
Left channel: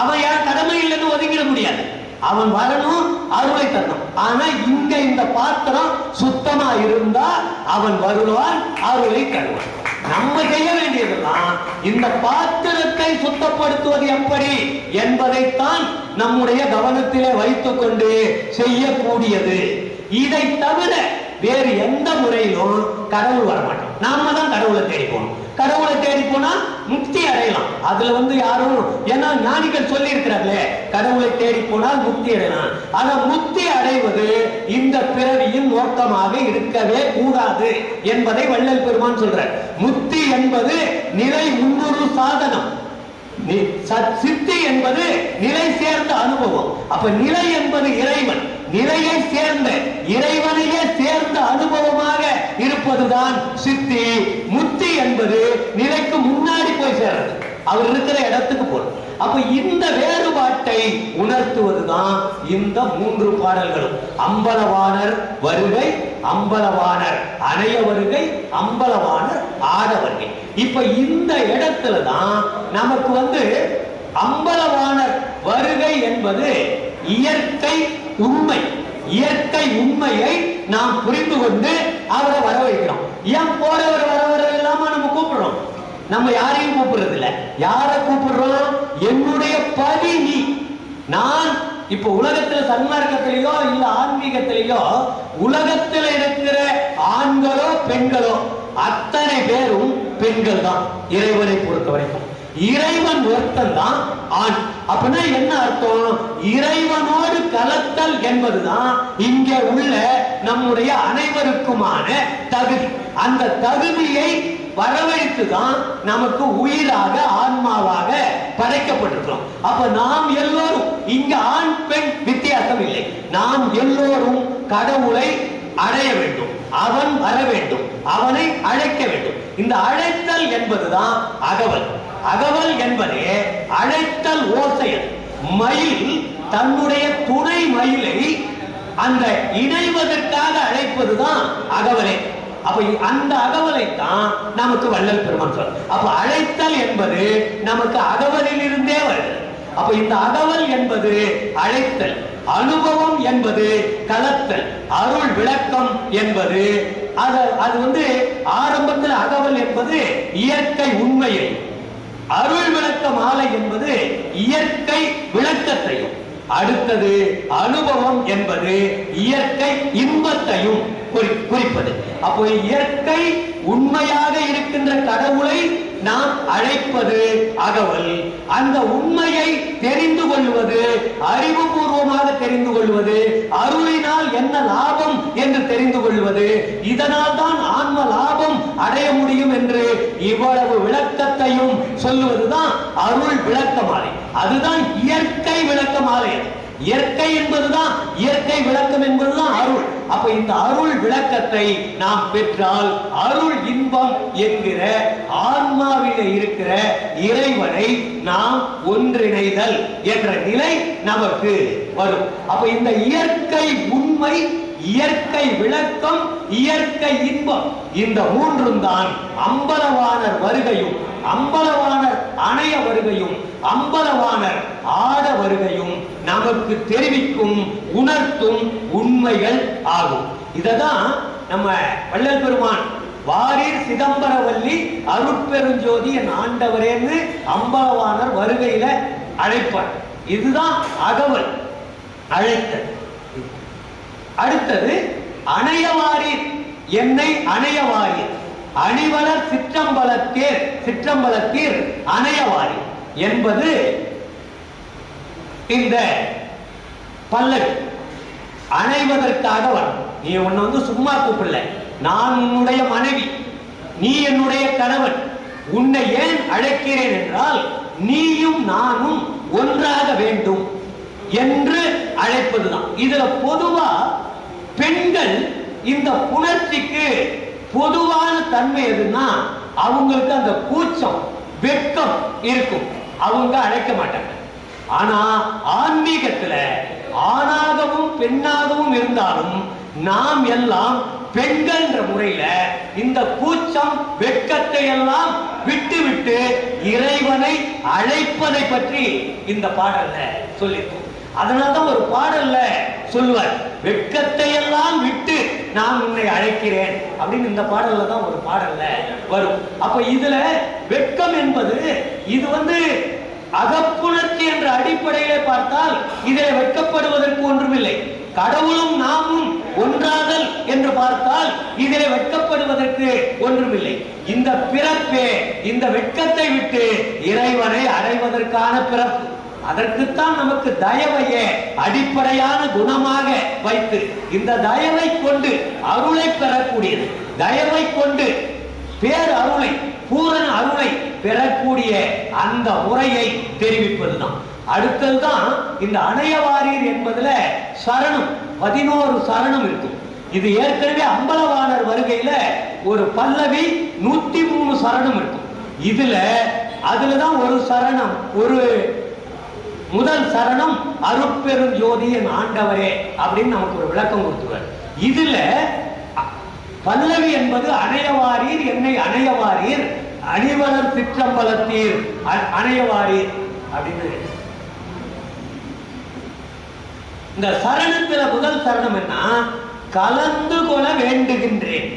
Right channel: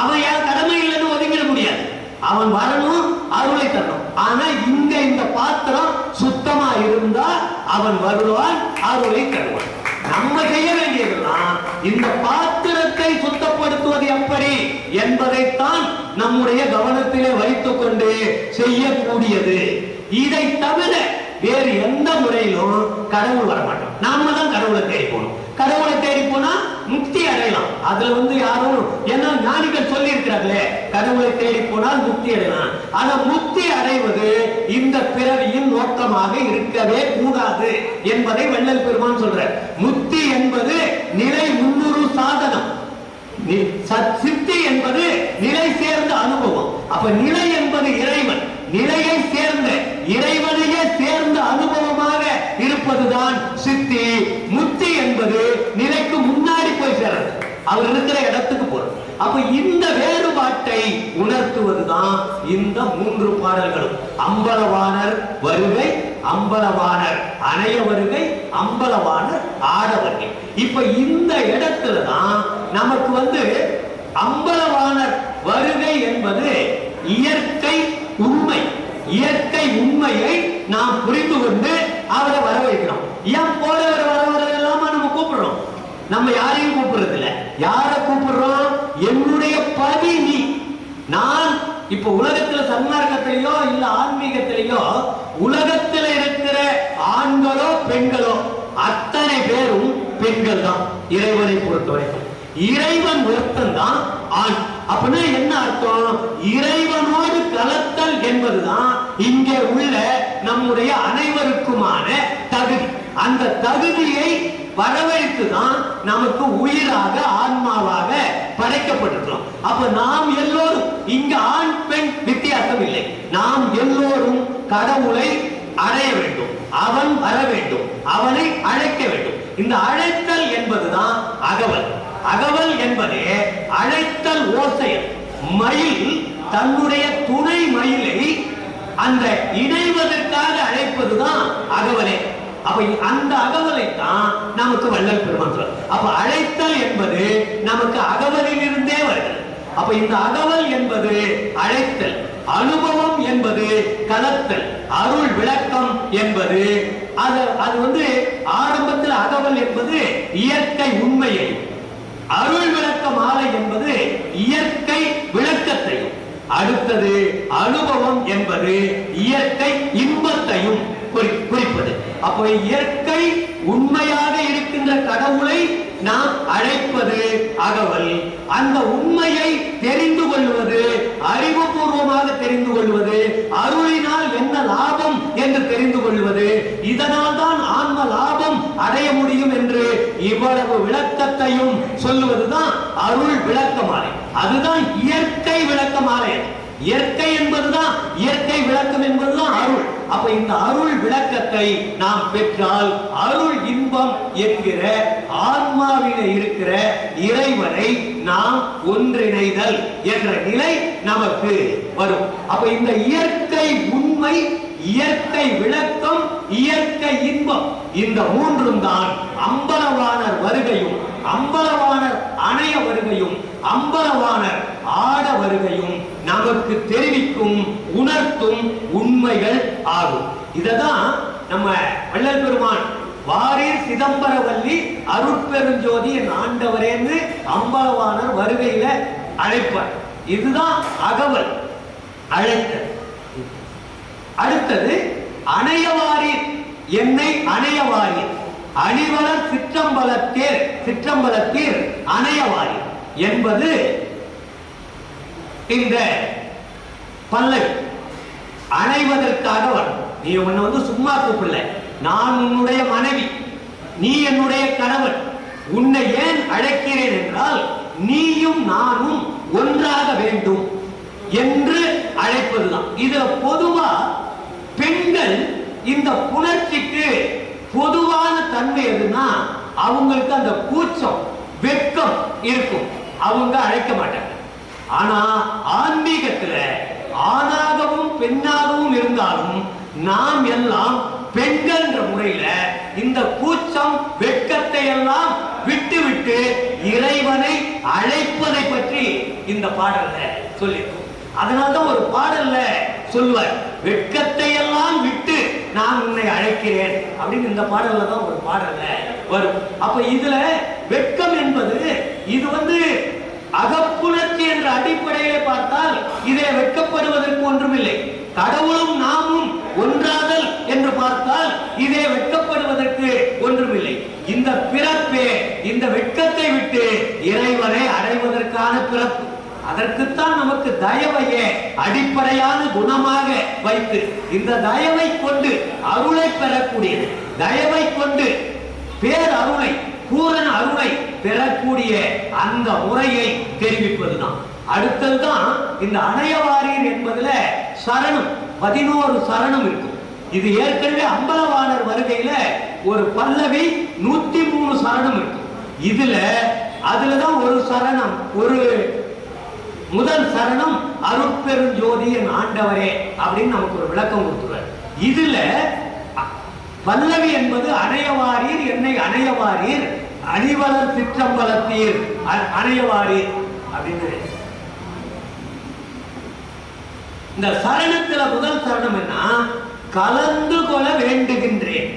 அவன் யார் கடமையிலிருந்து ஒதுக்கிட முடியாது. அவன் வரணும், அருளை தரணும். ஆனா இங்க இந்த பாத்திரம் சுத்தமா இருந்தா அவன் வருவான், அருளை தருவான். நம்ம செய்ய வேண்டியதுதான் இந்த பாத்திரத்தை சுத்தப்படுத்துவது எப்படி என்பதைத்தான் நம்முடைய கவனத்திலே வைத்துக் கொண்டு செய்யக்கூடியது. இதை தவிர வேறு எந்த முறையிலும் கடவுள் வரமாட்டோம். நாம தான் கடவுளை தேடி போகணும். கடவுளை தேடி போனா முக்தி அடையலாம். அதுல யாரும், ஏன்னா ஞானிகள் சொல்லி இருக்கிறார்களே, கடவுளை தேடி போனால் முக்தி அடையலாம். ஆனா முக்தி அடைவது இந்த பிறவியின் நோக்கமாக இருக்கவே கூடாது என்பதை வள்ளல் பெருமான் சொல்றார். முக்தி என்பது நிலை முன்னுறு சாதனம், சித்தி என்பது நிலை சேர்ந்த அனுபவம். அப்ப நிலை என்பது இறைவன், நிலையை சேர்ந்த இறைவனையே சேர்ந்த அனுபவமாக இருப்பதுதான் சித்தி. முக்தி என்பது நிலைக்கு முன்னாடி போய் சேர்றது, அவர் இருக்கிற இடத்துக்கு போறது. அப்ப இந்த வேறுபாட்டை உணர்த்துவதுதான் இந்த 3 பாடல்களும். அம்பலவாணர் வருகை, அம்பலவாணர் அணைய வருகை, அம்பலவாணர் ஆட வருகை. இப்ப இந்த இடத்துலதான் நமக்கு அம்பலவாணர் வருகை என்பது இயற்கை உண்மை. இயற்கை உண்மையை நாம் புரிந்து கொண்டு அவரை வரவழைக்கிறோம். ஏன் போறவர் வரவரை எல்லாமா நம்ம கூப்பிடுறோம்? நம்ம யாரையும் கூப்பிடுறது இல்ல. யாரை கூப்பிடுறோம்? என்னுடைய பதி நீ. நான் இப்ப உலகத்துல சன்மார்க்கத்திலேயோ இல்ல ஆன்மீகத்திலேயோ உலகத்தில் இருக்கிற ஆண்களோ பெண்களோ அத்தனை பேரும் பெண்கள் தான். இறைவனை பொறுத்த வரைக்கும் இறைவன் ஒருத்தன் தான் ஆண். அப்படின்னா என்ன அர்த்தம்? இறைவனோடு கலத்தல் என்பதுதான் இங்கே உள்ள நம்முடைய அனைவருக்குமான தகுதி. அந்த தகுதியை வரவழைத்துதான் நமக்கு உயிராக ஆன்மாவாக படைக்கப்பட்டிருக்கிறோம். அப்ப நாம் எல்லோரும் இங்க ஆண் பெண் வித்தியாசம் இல்லை. நாம் எல்லோரும் கடவுளை அடைய வேண்டும், அவன் வர வேண்டும், அவனை அழைக்க வேண்டும். இந்த அழைத்தல் என்பதுதான் அகவல். அகவல் என்பதே அழைத்தல் ஓசையல். மயில் தன்னுடைய துணை மயிலை அந்த இணைவதற்காக அழைப்பதுதான் அகவலே. அப்ப அந்த அகவலை தான் நமக்கு வள்ளல் பெருமான் சொல்ற. அப்ப அழைத்தல் என்பது நமக்கு அகவலில் இருந்தே வருது. அப்ப இந்த அகவல் என்பது அழைத்தல், அனுபவம் என்பது கலத்தல், அருள் விளக்கம் என்பது அது ஆரம்பத்தில் அகவல் என்பது இயற்கை உண்மையை, அருள் விளக்க மாலை என்பது இயற்கை விளக்கத்தை, அடுத்தது அனுபவம் என்பது இயற்கை இன்பத்தையும் குறிப்பது. அப்போ இயற்கை உண்மையாக இருக்கின்ற கடவுளை நாம் அழைப்பது அகவல். அந்த உண்மையை தெரிந்து கொள்வது, அறிவுபூர்வமாக தெரிந்து கொள்வது, அருளினால் என்ன லாபம் என்று தெரிந்து கொள்வது, இதனால் தான் ஆன்ம லாபம் அடைய முடியும் என்று இவ்வளவு விளக்கத்தையும் சொல்லுவதுதான் அருள் விளக்கமாலை. அதுதான் இயற்கை விளக்கமாலை. இயற்கை என்பதுதான், இயற்கை விளக்கம் என்பதுதான் அருள். அப்ப இந்த அருள் விளக்கத்தை நாம் பெற்றால் அருள் இன்பம் என்கிற ஆன்மாவில இருக்கிற இறைவனை நாம் ஒன்றிணைதல் என்ற நிலை நமக்கு வரும். அப்ப இந்த இயற்கை உண்மை, இயற்கை விளக்கம், இயற்கை இன்பம், இந்த 3ம் தான் அம்பலவாணர் வருகையும், அம்பலவாணர் அணைய வருகையும், அம்பலவாணர் ஆட வருகையும் நமக்கு தெரிவிக்கும், உணர்த்தும் உண்மைகள் ஆகும். இததான் நம்ம வள்ளல் பெருமான் வாரீர் சிதம்பரவல்லி அருட்பெருஞ்சோதி என் ஆண்டவரேன்னு அம்பலவாணர் வருகையில அழைப்பார். இதுதான் அகவல், அழைத்தல். அடுத்தது அணையவாரீர், என்னை அணையவாரீர். அணிவளர் சிற்றம்பலத்தீர் அணையவாரி என்பது இந்த பல்லவி. அணைவதற்காக வரும். நீ உன்னை சும்மா கூப்பிடல, நான் உன்னுடைய மனைவி, நீ என்னுடைய கணவன், உன்னை ஏன் அழைக்கிறேன் என்றால் நீயும் நானும் ஒன்றாக வேண்டும் என்று அழைப்பதுதான். இதுல பொதுவா பெண்கள் இந்த புணர்ச்சிக்கு பொதுவான தன்மை எதுன்னா அவங்களுக்கு அந்த கூச்சம் வெட்கம் இருக்கும், அவங்க அழைக்க மாட்டாங்க. ஆனா ஆன்மீகத்துல ஆணாகவும் பெண்ணாகவும் இருந்தாலும் நாம் எல்லாம் பெண்கள் என்ற முறையில இந்த கூச்சம் வெட்கத்தை எல்லாம் விட்டு விட்டு இறைவனை அழைப்பதை பற்றி இந்த பாடல்ல சொல்லியிருக்கோம். அதனால்தான் ஒரு பாடல்ல சொல்வார், வெட்கத்தை எல்லாம் விட்டு நான் உன்னை அழைக்கிறேன் அப்படின்னு இந்த பாடல்ல தான் ஒரு பாடல்ல வரும். அப்ப இதுல வெட்கம் என்பது இது அகப்புணர்ச்சி என்ற அடிப்படையிலே பார்த்தால் இதில் வெட்கப்படுவதற்கு ஒன்றுமில்லை. கடவுளும் நாமும் ஒன்றாதல் என்று பார்த்தால் இதிலே வெட்கப்படுவதற்கு ஒன்றுமில்லை. இந்த பிறப்பே இந்த வெட்கத்தை விட்டு இறைவனை அடைவதற்கான பிறப்பு. அதற்குத்தான் நமக்கு தயவையே அடிப்படையான குணமாக வைத்து இந்த தயவை கொண்டு அருளை பெறக்கூடியது, தயவை கொண்டு பேர் அருளை பூரண அருளை பெறக்கூடிய அந்த முறையை தெரிவிப்பதுதான். அடுத்ததுதான் இந்த அணையவாரீர் என்பதுல சரணம் 11 சரணம் இருக்கு. இது ஏற்கனவே அம்பலவாணர் வருகையில ஒரு பல்லவி 103 சரணம் இருக்கு. அதுலதான் ஒரு சரணம், ஒரு முதல் சரணம் அருட்பெருஞ்சோதி என் ஆண்டவரே அப்படின்னு நமக்கு ஒரு விளக்கம் கொடுத்துருவார். இதுல பல்லவி என்பது அணையவாரீர் என்னை அணையவாரீர் அணிவளர் சிற்றம்பலத்தீர் அணையவாரீர் அப்படின்னு. இந்த சரணத்துல முதல் சரணம் என்ன? கலந்து கொள்ள வேண்டுகின்றேன்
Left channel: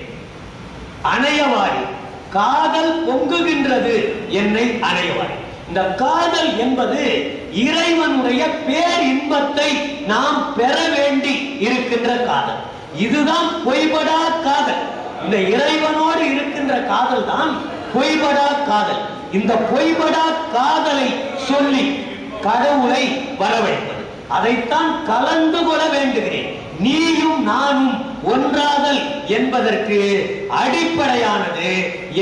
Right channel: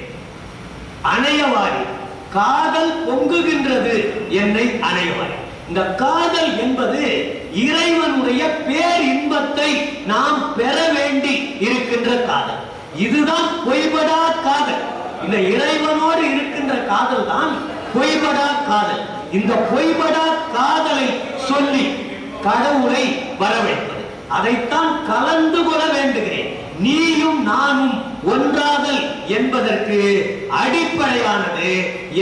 அணையவாரி, காதல் பொங்குகின்றது என்னை அணையவாரி. இந்த காதல் என்பது இறைவனுடைய பேர் இன்பத்தை நாம் பெற வேண்டி இருக்கின்ற காதல். இதுதான் பொய்படா காதல். இந்த இறைவனோடு இருக்கின்ற காதல் தான் பொய்படா காதல். இந்த பொய்படா காதலை சொல்லி கடவுளை வரவேற்பது, அதைத்தான் கலந்து கொள்ள வேண்டுகிறேன். நீயும் நானும் ஒன்றாதல் என்பதற்கு அடிப்படையானது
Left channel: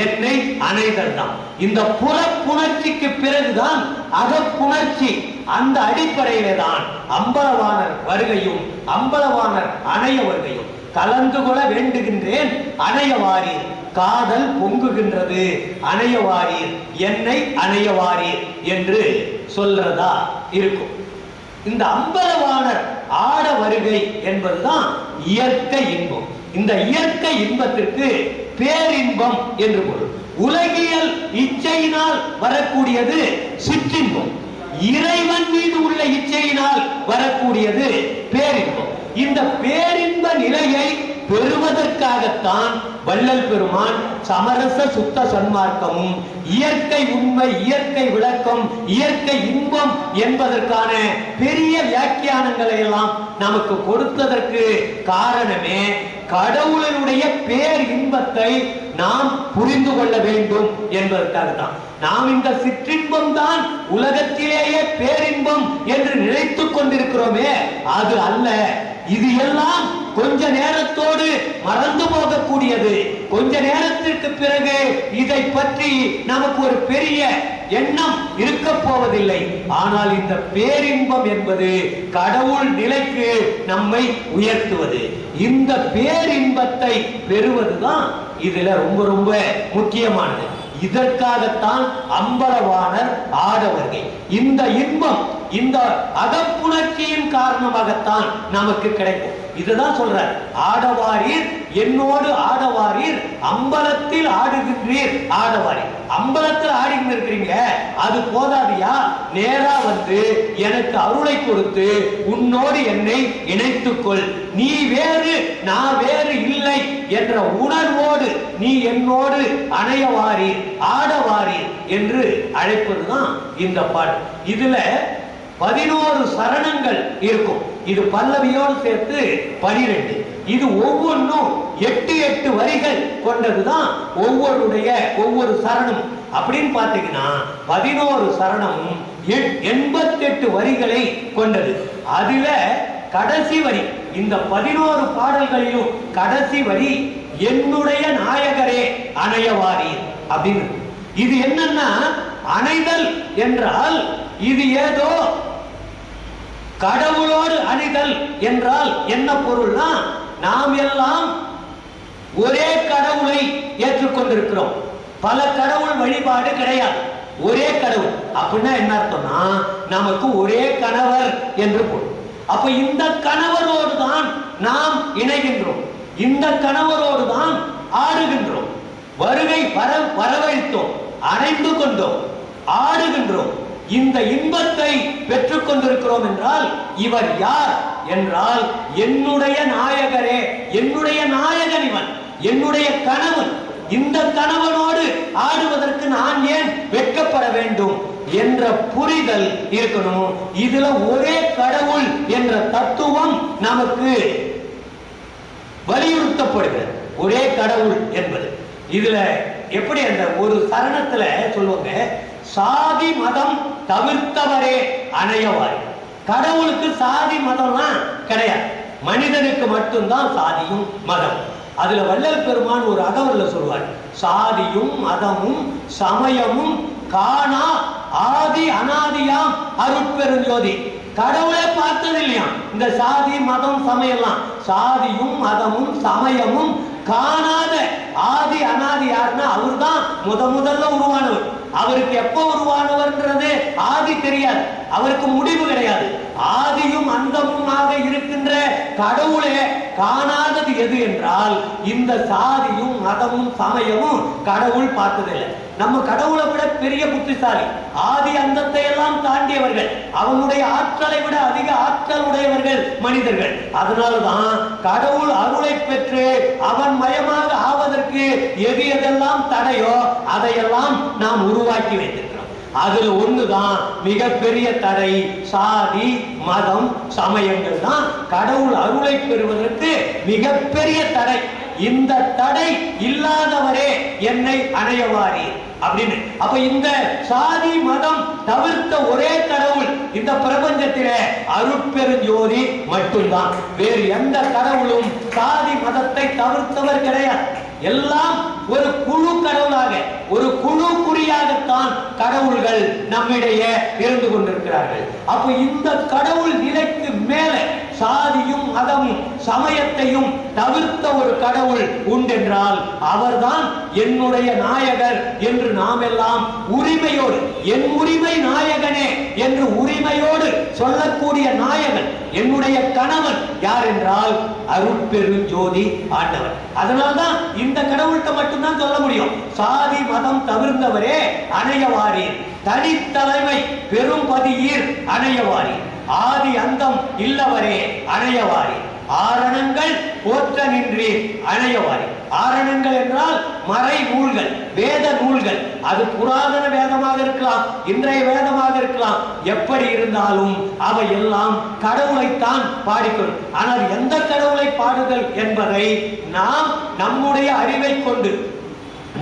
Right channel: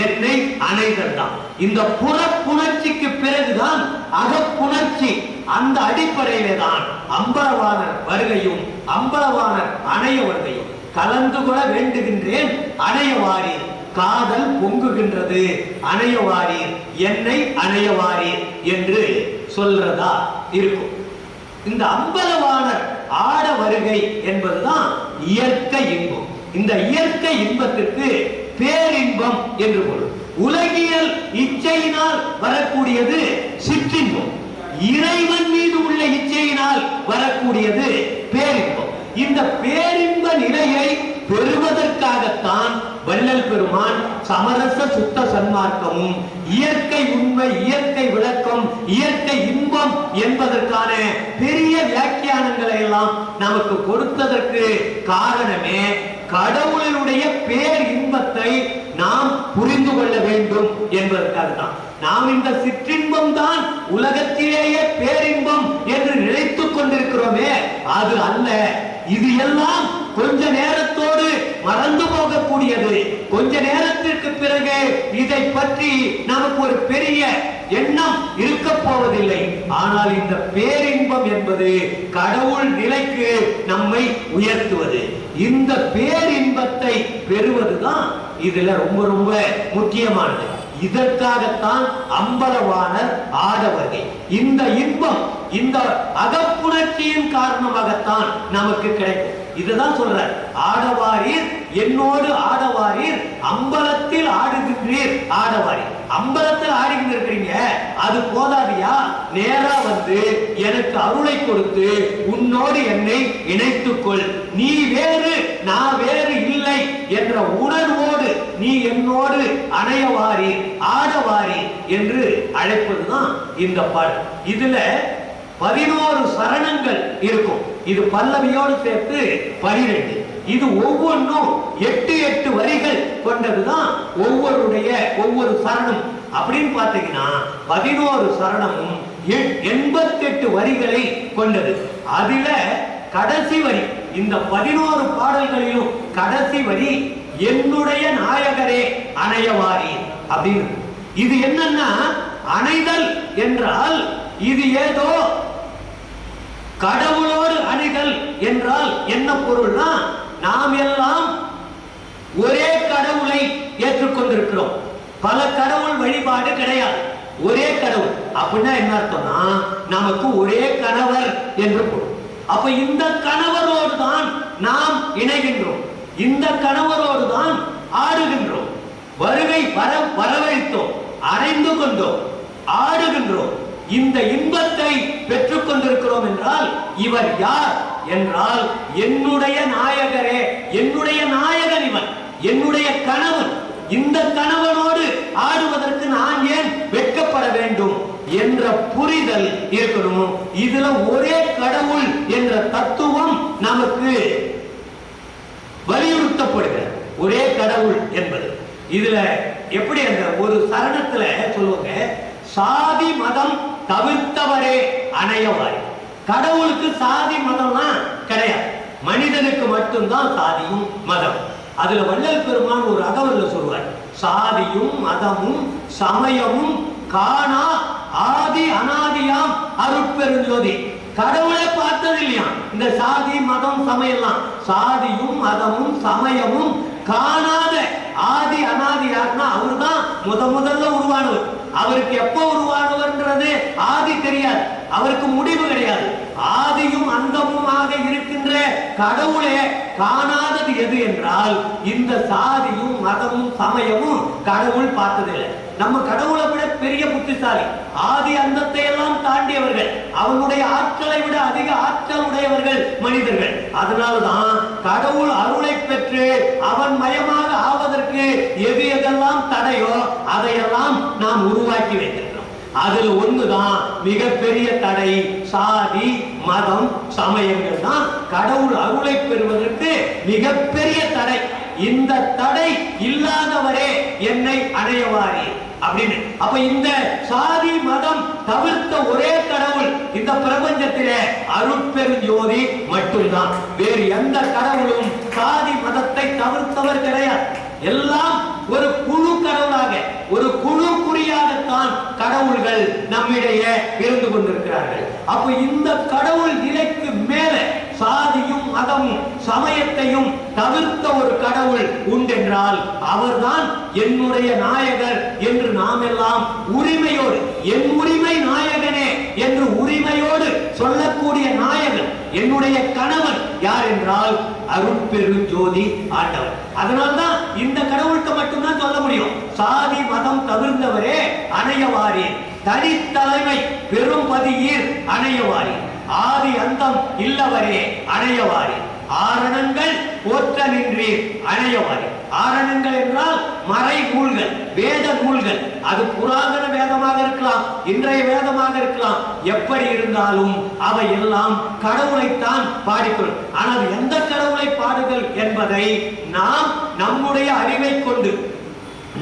என்னை அணைதல் தான். இந்த புறப்புணர்ச்சிக்கு பிறகுதான் அகப்புணர்ச்சி. அந்த அடிப்படையிலே தான் அம்பலவாணர் வருகையும் அம்பலவாணர் அணைய வருகையும். கலந்து கொள்ள வேண்டுகின்றேன் அணையவாரி, காதல் பொங்குகின்றது அணையவாரி, என்னை அணையவாரி என்று சொல்றதா இருக்கும். இந்த அம்பலவாணர் ஆட வருகை என்பதுதான் இயற்கை இன்பம். இந்த இயற்கை இன்பத்திற்கு பேரின்பம் என்று பொருள். உலகியல் இச்சையினால் வரக்கூடியது சிற்றின்பம், இறைவன் மீது உள்ள இச்சையினால் வரக்கூடியது பேரின்பம். இந்த பேரின்ப நிலையை பெறுவதற்காகத்தான் வள்ளல் பெருமான் சமரச சுத்த சன்மார்க்கமும் இயற்கை உண்மை, இயற்கை விளக்கம், இயற்கை இன்பம் என்பதற்கான பெரிய வியாக்கியானங்களை எல்லாம் நமக்கு கொடுத்ததற்கு காரணமே கடவுளுடைய பேர் இன்பத்தை நாம் புரிந்து கொள்ள வேண்டும் என்பதற்காக தான். நாம் இந்த சிற்றின்பம் தான் உலகத்திலேயே பேரின்பம் என்று நினைத்துக் கொண்டிருக்கிறோமே, அது அல்ல. இது எல்லாம் கொஞ்ச நேரத்தோடு மறந்து போகக்கூடியது. கொஞ்ச நேரத்திற்கு பிறகு இதை பற்றி நமக்கு ஒரு பெரிய எண்ணம் இருக்க போவதில்லை. ஆனால் இந்த பேரின்பம் என்பது கடவுள் நிலைக்கு நம்மை உயர்த்துவது. இந்த பேரின்பத்தை பெறுவதுதான் இதுல ரொம்ப ரொம்ப முக்கியமானது. இதற்காகத்தான் அம்பலவாணர் ஆட வருகை. இந்த இன்பம் இந்த அகப்புணர்ச்சியின் காரணமாகத்தான் நமக்கு கிடைக்கும். இதுதான் சொல்றார், ஆடவாரீர் என்னோடு ஆடவாரீர், அம்பலத்தில் ஆடுகின்றீர் ஆடவாரீர். அம்பலத்தில் ஆடிக்கிட்டு இருக்கிறீங்க, அது போதாதியா? நேரா வந்து எனக்கு அருளை கொடுத்து உன்னோடு என்னை இணைத்துக்கொள். நீ வேறு நான் வேறு இல்லை என்ற உணர்வோடு நீ என்னோடு அணையவாரி ஆடவாரி என்று அழைப்பதுதான் இந்த பாடல். இதுல 11 சரணங்கள் இருக்கும். இது பல்லவியோடு சேர்த்து 12. இது ஒவ்வொன்றும் 8 வரிகள் கொண்டதுதான் ஒவ்வொரு சரணம். அப்படின்னு பாத்தீங்கன்னா 11 சரணமும் 88 வரிகளை கொண்டது. அதுல கடைசி வரி, இந்த 11 பாடல்களிலும் கடைசி வரி என்னுடைய நாயகரே அணையவாரி அப்படின்னு. இது என்னன்னா, அணைதல் என்றால் இது ஏதோ கடவுளோடு அணைதல் என்றால் என்ன பொருள்னா, நாம் எல்லாம் ஒரே கடவுளை ஏற்றுக்கொண்டிருக்கிறோம். பல கடவுள் வழிபாடு கிடையாது, ஒரே கடவுள். அப்படின்னா என்ன அர்த்தம்னா, நமக்கு ஒரே கணவர் என்று பொருள். அப்ப இந்த கணவரோடு தான் நாம் இணைகின்றோம், இந்த கணவரோடு தான் ஆடுகின்றோம், வரவழைத்தோம், அணைந்து கொண்டோம், ஆடுகின்றோம், இந்த இன்பத்தை பெற்றுக் கொண்டிருக்கிறோம் என்றால் இவர் யார் என்றால் என்னுடைய நாயகரே, என்னுடைய நாயகன் இவன், என்னுடைய கணவன். இந்த கணவனோடு ஆடுவதற்கு நான் ஏன் வெட்கப்பட வேண்டும் என்ற புரிதல் இருக்கணும். இதுல ஒரே கடவுள் என்ற தத்துவம் நமக்கு வலியுறுத்தப்படுகிறது. ஒரே கடவுள் என்பது இதுல எப்படி அந்த ஒரு சரணத்துல சொல்லுவாங்க, சாதி மதம் தவிர்த்தவரே அணையவாரி. கடவுளுக்கு சாதி மதம்லாம் கிடையாது, மனிதனுக்கு மட்டும்தான் சாதியும் மதம். அதுல வள்ளல் பெருமான் ஒரு அகவல்ல சொல்வார், சாதியும் மதமும் சமயமும் காணா ஆதி அனாதியாம் அருட்பெருஞ்சோதி. கடவுளே பார்த்தது இல்லையா இந்த சாதி மதம் சமயம்லாம். சாதியும் மதமும் சமயமும் காணாத ஆதி அனாதி யாருன்னா அவர் தான் முதல்ல உருவானவர். அவருக்கு எப்ப உருவானவர்ன்றது ஆதி தெரியாது, அவருக்கு முடிவு கிடையாது. ஆதியும் அந்தமுமாக இருக்கின்ற கடவுளே காணாதது எது என்றால் இந்த சாதியும் மதமும் சமயமும் கடவுள் பார்த்ததில்லை. நம்ம கடவுளை விட பெரிய புத்திசாலி, ஆதி அந்தத்தை எல்லாம் தாண்டியவர்கள், அவனுடைய ஆற்றலை விட அதிக ஆற்றல் உடையவர்கள் மனிதர்கள். அதனால்தான் கடவுள் அருளை பெற்று அவன் மயமாக ஆவதற்கு எது எதெல்லாம் தடையோ அதையெல்லாம் நாம் உருவாக்கி வைத்திருக்கிறோம். அதுல ஒண்ணுதான் மிகப்பெரிய தடை, சாதி மதம் சமயங்கள் தான் கடவுள் அருளை பெறுவதற்கு மிகப்பெரிய தடை. இந்த தடை இல்லாதவரே என்னை அடையவாரி அப்படின்னு. அப்ப இந்த சாதி மதம் தவிர்த்த ஒரே கடவுள் இந்த பிரபஞ்சத்திலே அருட்பெருஞ்சோதி மட்டும்தான். வேறு எந்த கடவுளும் சாதி மதத்தை தவிர்த்தவர் கிடையாது. எல்லாம் ஒரு குழு கடவுளாக, ஒரு குழு குறியாகத்தான் கடவுள்கள் நம்மிடையே இருந்து கொண்டிருக்கிறார்கள். அப்ப இந்த கடவுள் நிலைக்கு மேல சாதியும் மதமும் சமயத்தையும் தவிர்த்த ஒரு கடவுள் உண்டென்றால் அவர்தான் என்னுடைய நாயகர் என்று நாம் எல்லாம் உரிமையோடு, என் உரிமை நாயகனே என்று உரிமையோடு சொல்லக்கூடிய நாயகன் என்னுடைய கணவன் யார் என்றால் அருட்பெருஞ்சோதி ஆண்டவர். அதனால்தான் இந்த கடவுளுக்கு மட்டும்தான் சொல்ல முடியும், சாதி மதம் தவிர்த்தவரே அணையவாரி, தனித்தலைமை பெரும்பதியீர் அணையவாரி, ஆதி அந்தம் இல்லவரே அணையவாரி, ஆரணங்கள் போற்ற நின்றீர் அணையவாரி. ஆரணங்கள் என்றால் மறை நூல்கள், வேத நூல்கள். அது புராதன வேதமாக இருக்கலாம், இன்றைய வேதமாக இருக்கலாம், எப்படி இருந்தாலும் அவை எல்லாம் கடவுளைத்தான் பாடிக்கொள்ளும். ஆனால் எந்த கடவுளை பாடுதல் என்பதை நாம் நம்முடைய அறிவை கொண்டு,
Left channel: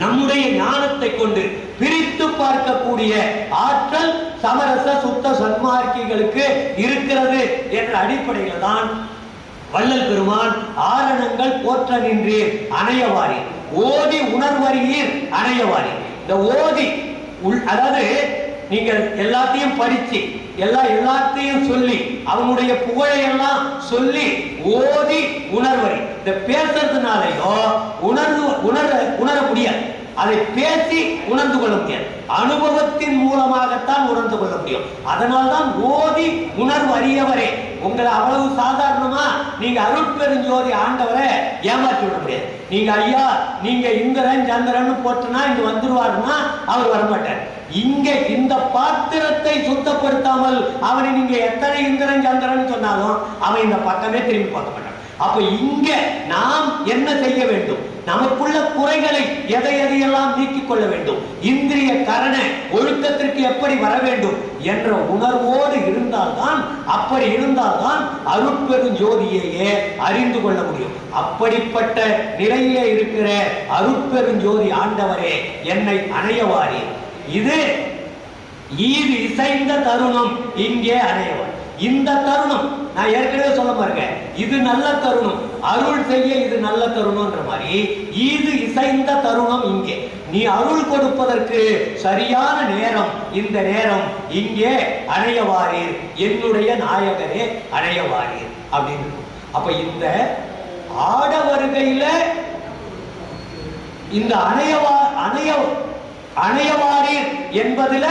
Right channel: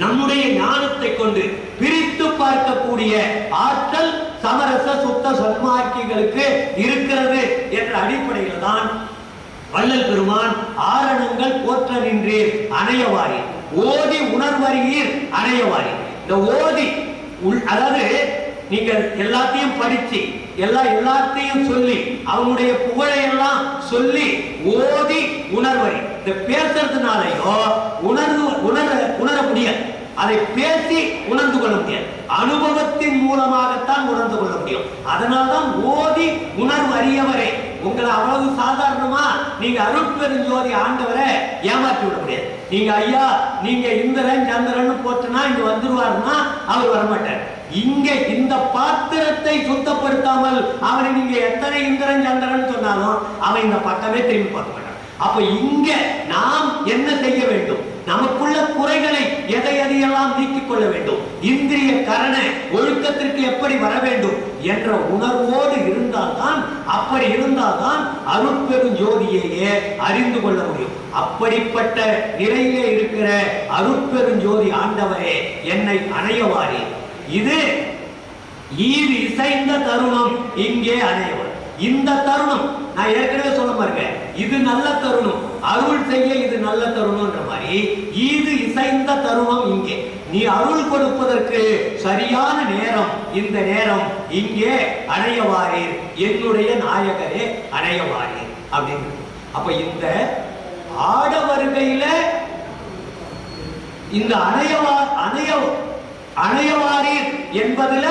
நம்முடைய ஞானத்தை கொண்டு பிரித்து பார்க்கக்கூடிய ஆற்றல் சமரச சுத்த சன்மார்க்கிகளுக்கு இருக்கிறது என்ற அடிப்படையில் தான் வள்ளல் பெருமான் ஆரணங்கள் போற்ற நின்று அணையவாரி, ஓதி உணர்வறியீர் அணையவாரி. இந்த ஓதி அதாவது நீங்க எல்லாத்தையும் படிச்சு எல்லாத்தையும் சொல்லி அவனுடைய புகழை எல்லாம் சொல்லி ஓதி உணர்வறி. இந்த பேசுறதுனாலயோ உணர முடியாது, அதை பேசி உணர்ந்து கொள்ள முடியாது, அனுபவத்தின் மூலமாகத்தான் உணர்ந்து கொள்ள முடியும். அதனால்தான் ஓதி உணர்வு அறியவரே. உங்களை அவ்வளவு சாதாரணமா நீங்க அருட்பெருஞ்சோதி ஆண்டவரை ஏமாற்றி விட முடியாது. நீங்க ஐயா நீங்க இந்திரன் சந்திரன் போட்டுனா இங்க வந்துருவாருன்னா அவர் வரமாட்டார். இங்க இந்த பாத்திரத்தை சுத்தப்படுத்தாமல் அவனை நீங்க எத்தனை இந்திரன் சந்திரன் சொன்னாலும் அவன் இந்த பக்கமே திரும்பி பார்க்க மாட்டான். அப்ப இங்க நாம் என்ன செய்ய வேண்டும், நமக்குள்ள குறைகளை எதையெல்லாம் நீக்கிக் கொள்ள வேண்டும், இந்திரிய கரண ஒழுக்கத்திற்கு எப்படி வர வேண்டும் என்ற உணர்வோடு இருந்தால்தான், அப்படி இருந்தால்தான் அருட்பெரும் ஜோதியையே அறிந்து கொள்ள முடியும். அப்படிப்பட்ட நிலையிலே இருக்கிற அருட்பெருஞ்சோதி ஆண்டவரே என்னை அணையவாரி. இது ஈது இசைந்த தருணம் இங்கே அணையவர். இந்த தருணம் நான் ஏற்கனவே சொல்ல பாருங்க, இது நல்ல தருணம், அருள் செய்ய இது நல்ல தருணம்ன்ற மாதிரி ஈது இசைந்த தருணம் இங்கே. நீ அருள் கொடுப்பதற்கு சரியான நேரம் இந்த நேரம். இங்கே அணையவாரீர் என்னுடைய நாயகரே அணையவாரீர் அப்படின்னு. அப்ப இந்த ஆட வருகையில இந்த அணையவாரீர் என்பதுல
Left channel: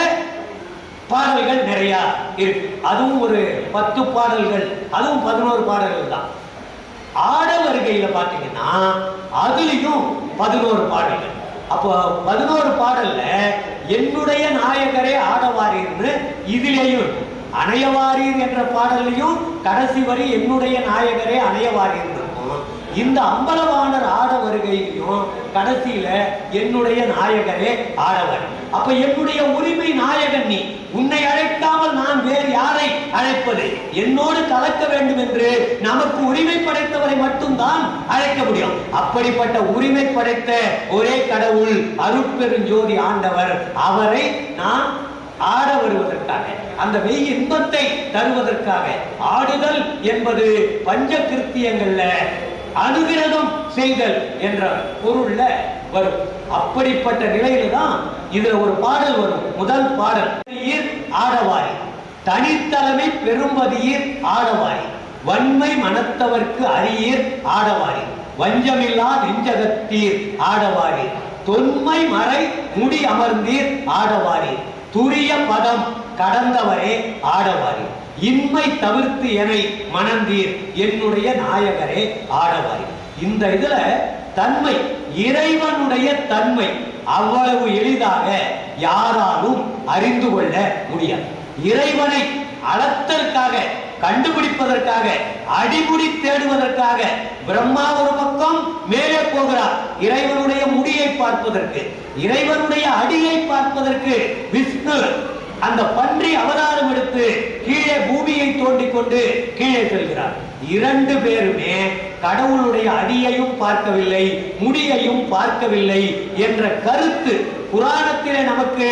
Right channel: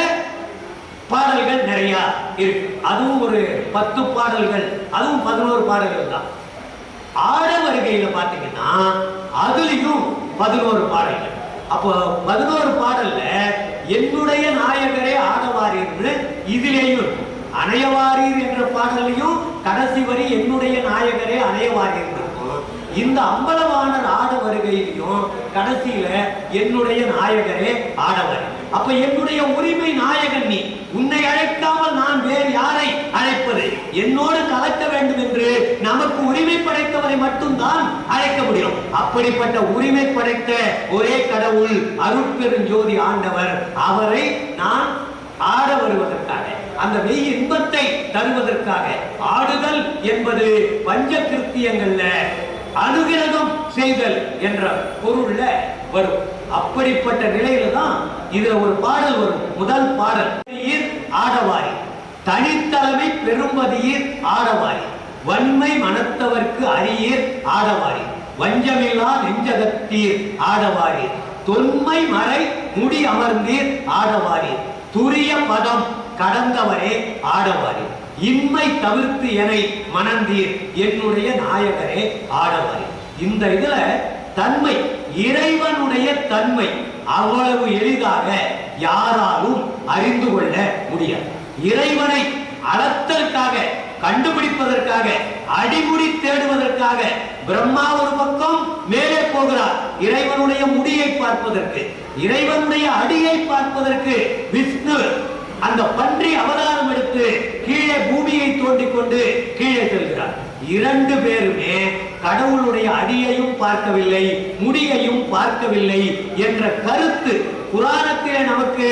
பாடல்கள் நிறைய இருக்கு. அதுவும் ஒரு 10 பாடல்கள், அதுவும் 11 பாடல்கள் தான். ஆட வருகையில பாத்தீங்கன்னா அதுலயும் 11 பாடல்கள். அப்போ 11 பாடல்ல என்னுடைய நாயகரே ஆடவாரீர்னு இதுலேயும், அணையவாரீர் என்ற பாடலையும் கடைசி வரி என்னுடைய நாயகரே அணையவாரீர். இந்த அம்பலவாணர் ஆட வருகையிலையும் கடைசியில என்னுடைய நாயகரே ஆடவர். அப்ப என்னுடைய உரிமை நாயகன் நீ, உன்னை அழைக்காமல் நான் வேறு யாரை அழைப்பது? என்னோடு கலக்க வேண்டும் என்று நமக்கு உரிமை படைத்தவரை மட்டும்தான் அழைக்க முடியும். அப்படிப்பட்ட உரிமை படைத்த ஒரே கடவுள் அருட்பெருஞ்சோதி ஆண்டவர். அவரை நான் ஆட வருவதற்காக, அந்த மெய் இன்பத்தை தருவதற்காக, ஆடுதல் என்பது பஞ்ச கிருத்தியங்கள்ல அனுகிரகம் செய்தல் என்ற பொருள்ல வரும். அப்படிப்பட்ட நிலையில தான் இதுல ஒரு பாடல் வரும். முதல் பாடல் ஆடவாரி, தனித்தலைமை பெரும்பதியீர் ஆடவாரி, வன்மை மனத்தவர்க்கு அரியீர் ஆடவாரி, வஞ்சமில்லா நெஞ்சகத்தீர் ஆடவாரி, தொன்மை மறை முடி அமர்ந்தீர் ஆடவாரி, துரிய பதம் கடந்தவரே ஆடவாரி, இன்மை தவிர்த்து எனை மணந்தீர் என்னுடைய நாயகரே ஆடவாரி. இந்த இதுல தன்மை, இறைவனுடைய தன்மை அவ்வளவு எளிதாக யாராலும் அறிந்து கொள்ள முடியாது. இறைவனை அளத்தற்காக, கண்டுபிடிப்பதற்காக, அடிமுடி தேடுவதற்காக பிரம்மா ஒரு பக்கம் மேலே போகிறார் இறைவனுடைய முடியை பார்ப்பதற்கு, இறைவனுடைய அடியை பார்ப்பதற்கு விஷ்ணு அந்த பன்றி அவதாரம் எடுத்து கீழே பூமியை தோண்டிக் கொண்டு கீழே செல்கிறார். 2 பேருமே கடவுளுடைய அடியையும் பார்க்கவில்லை, முடியையும் பார்க்கவில்லை என்ற கருத்து புராணத்திலே நமக்கு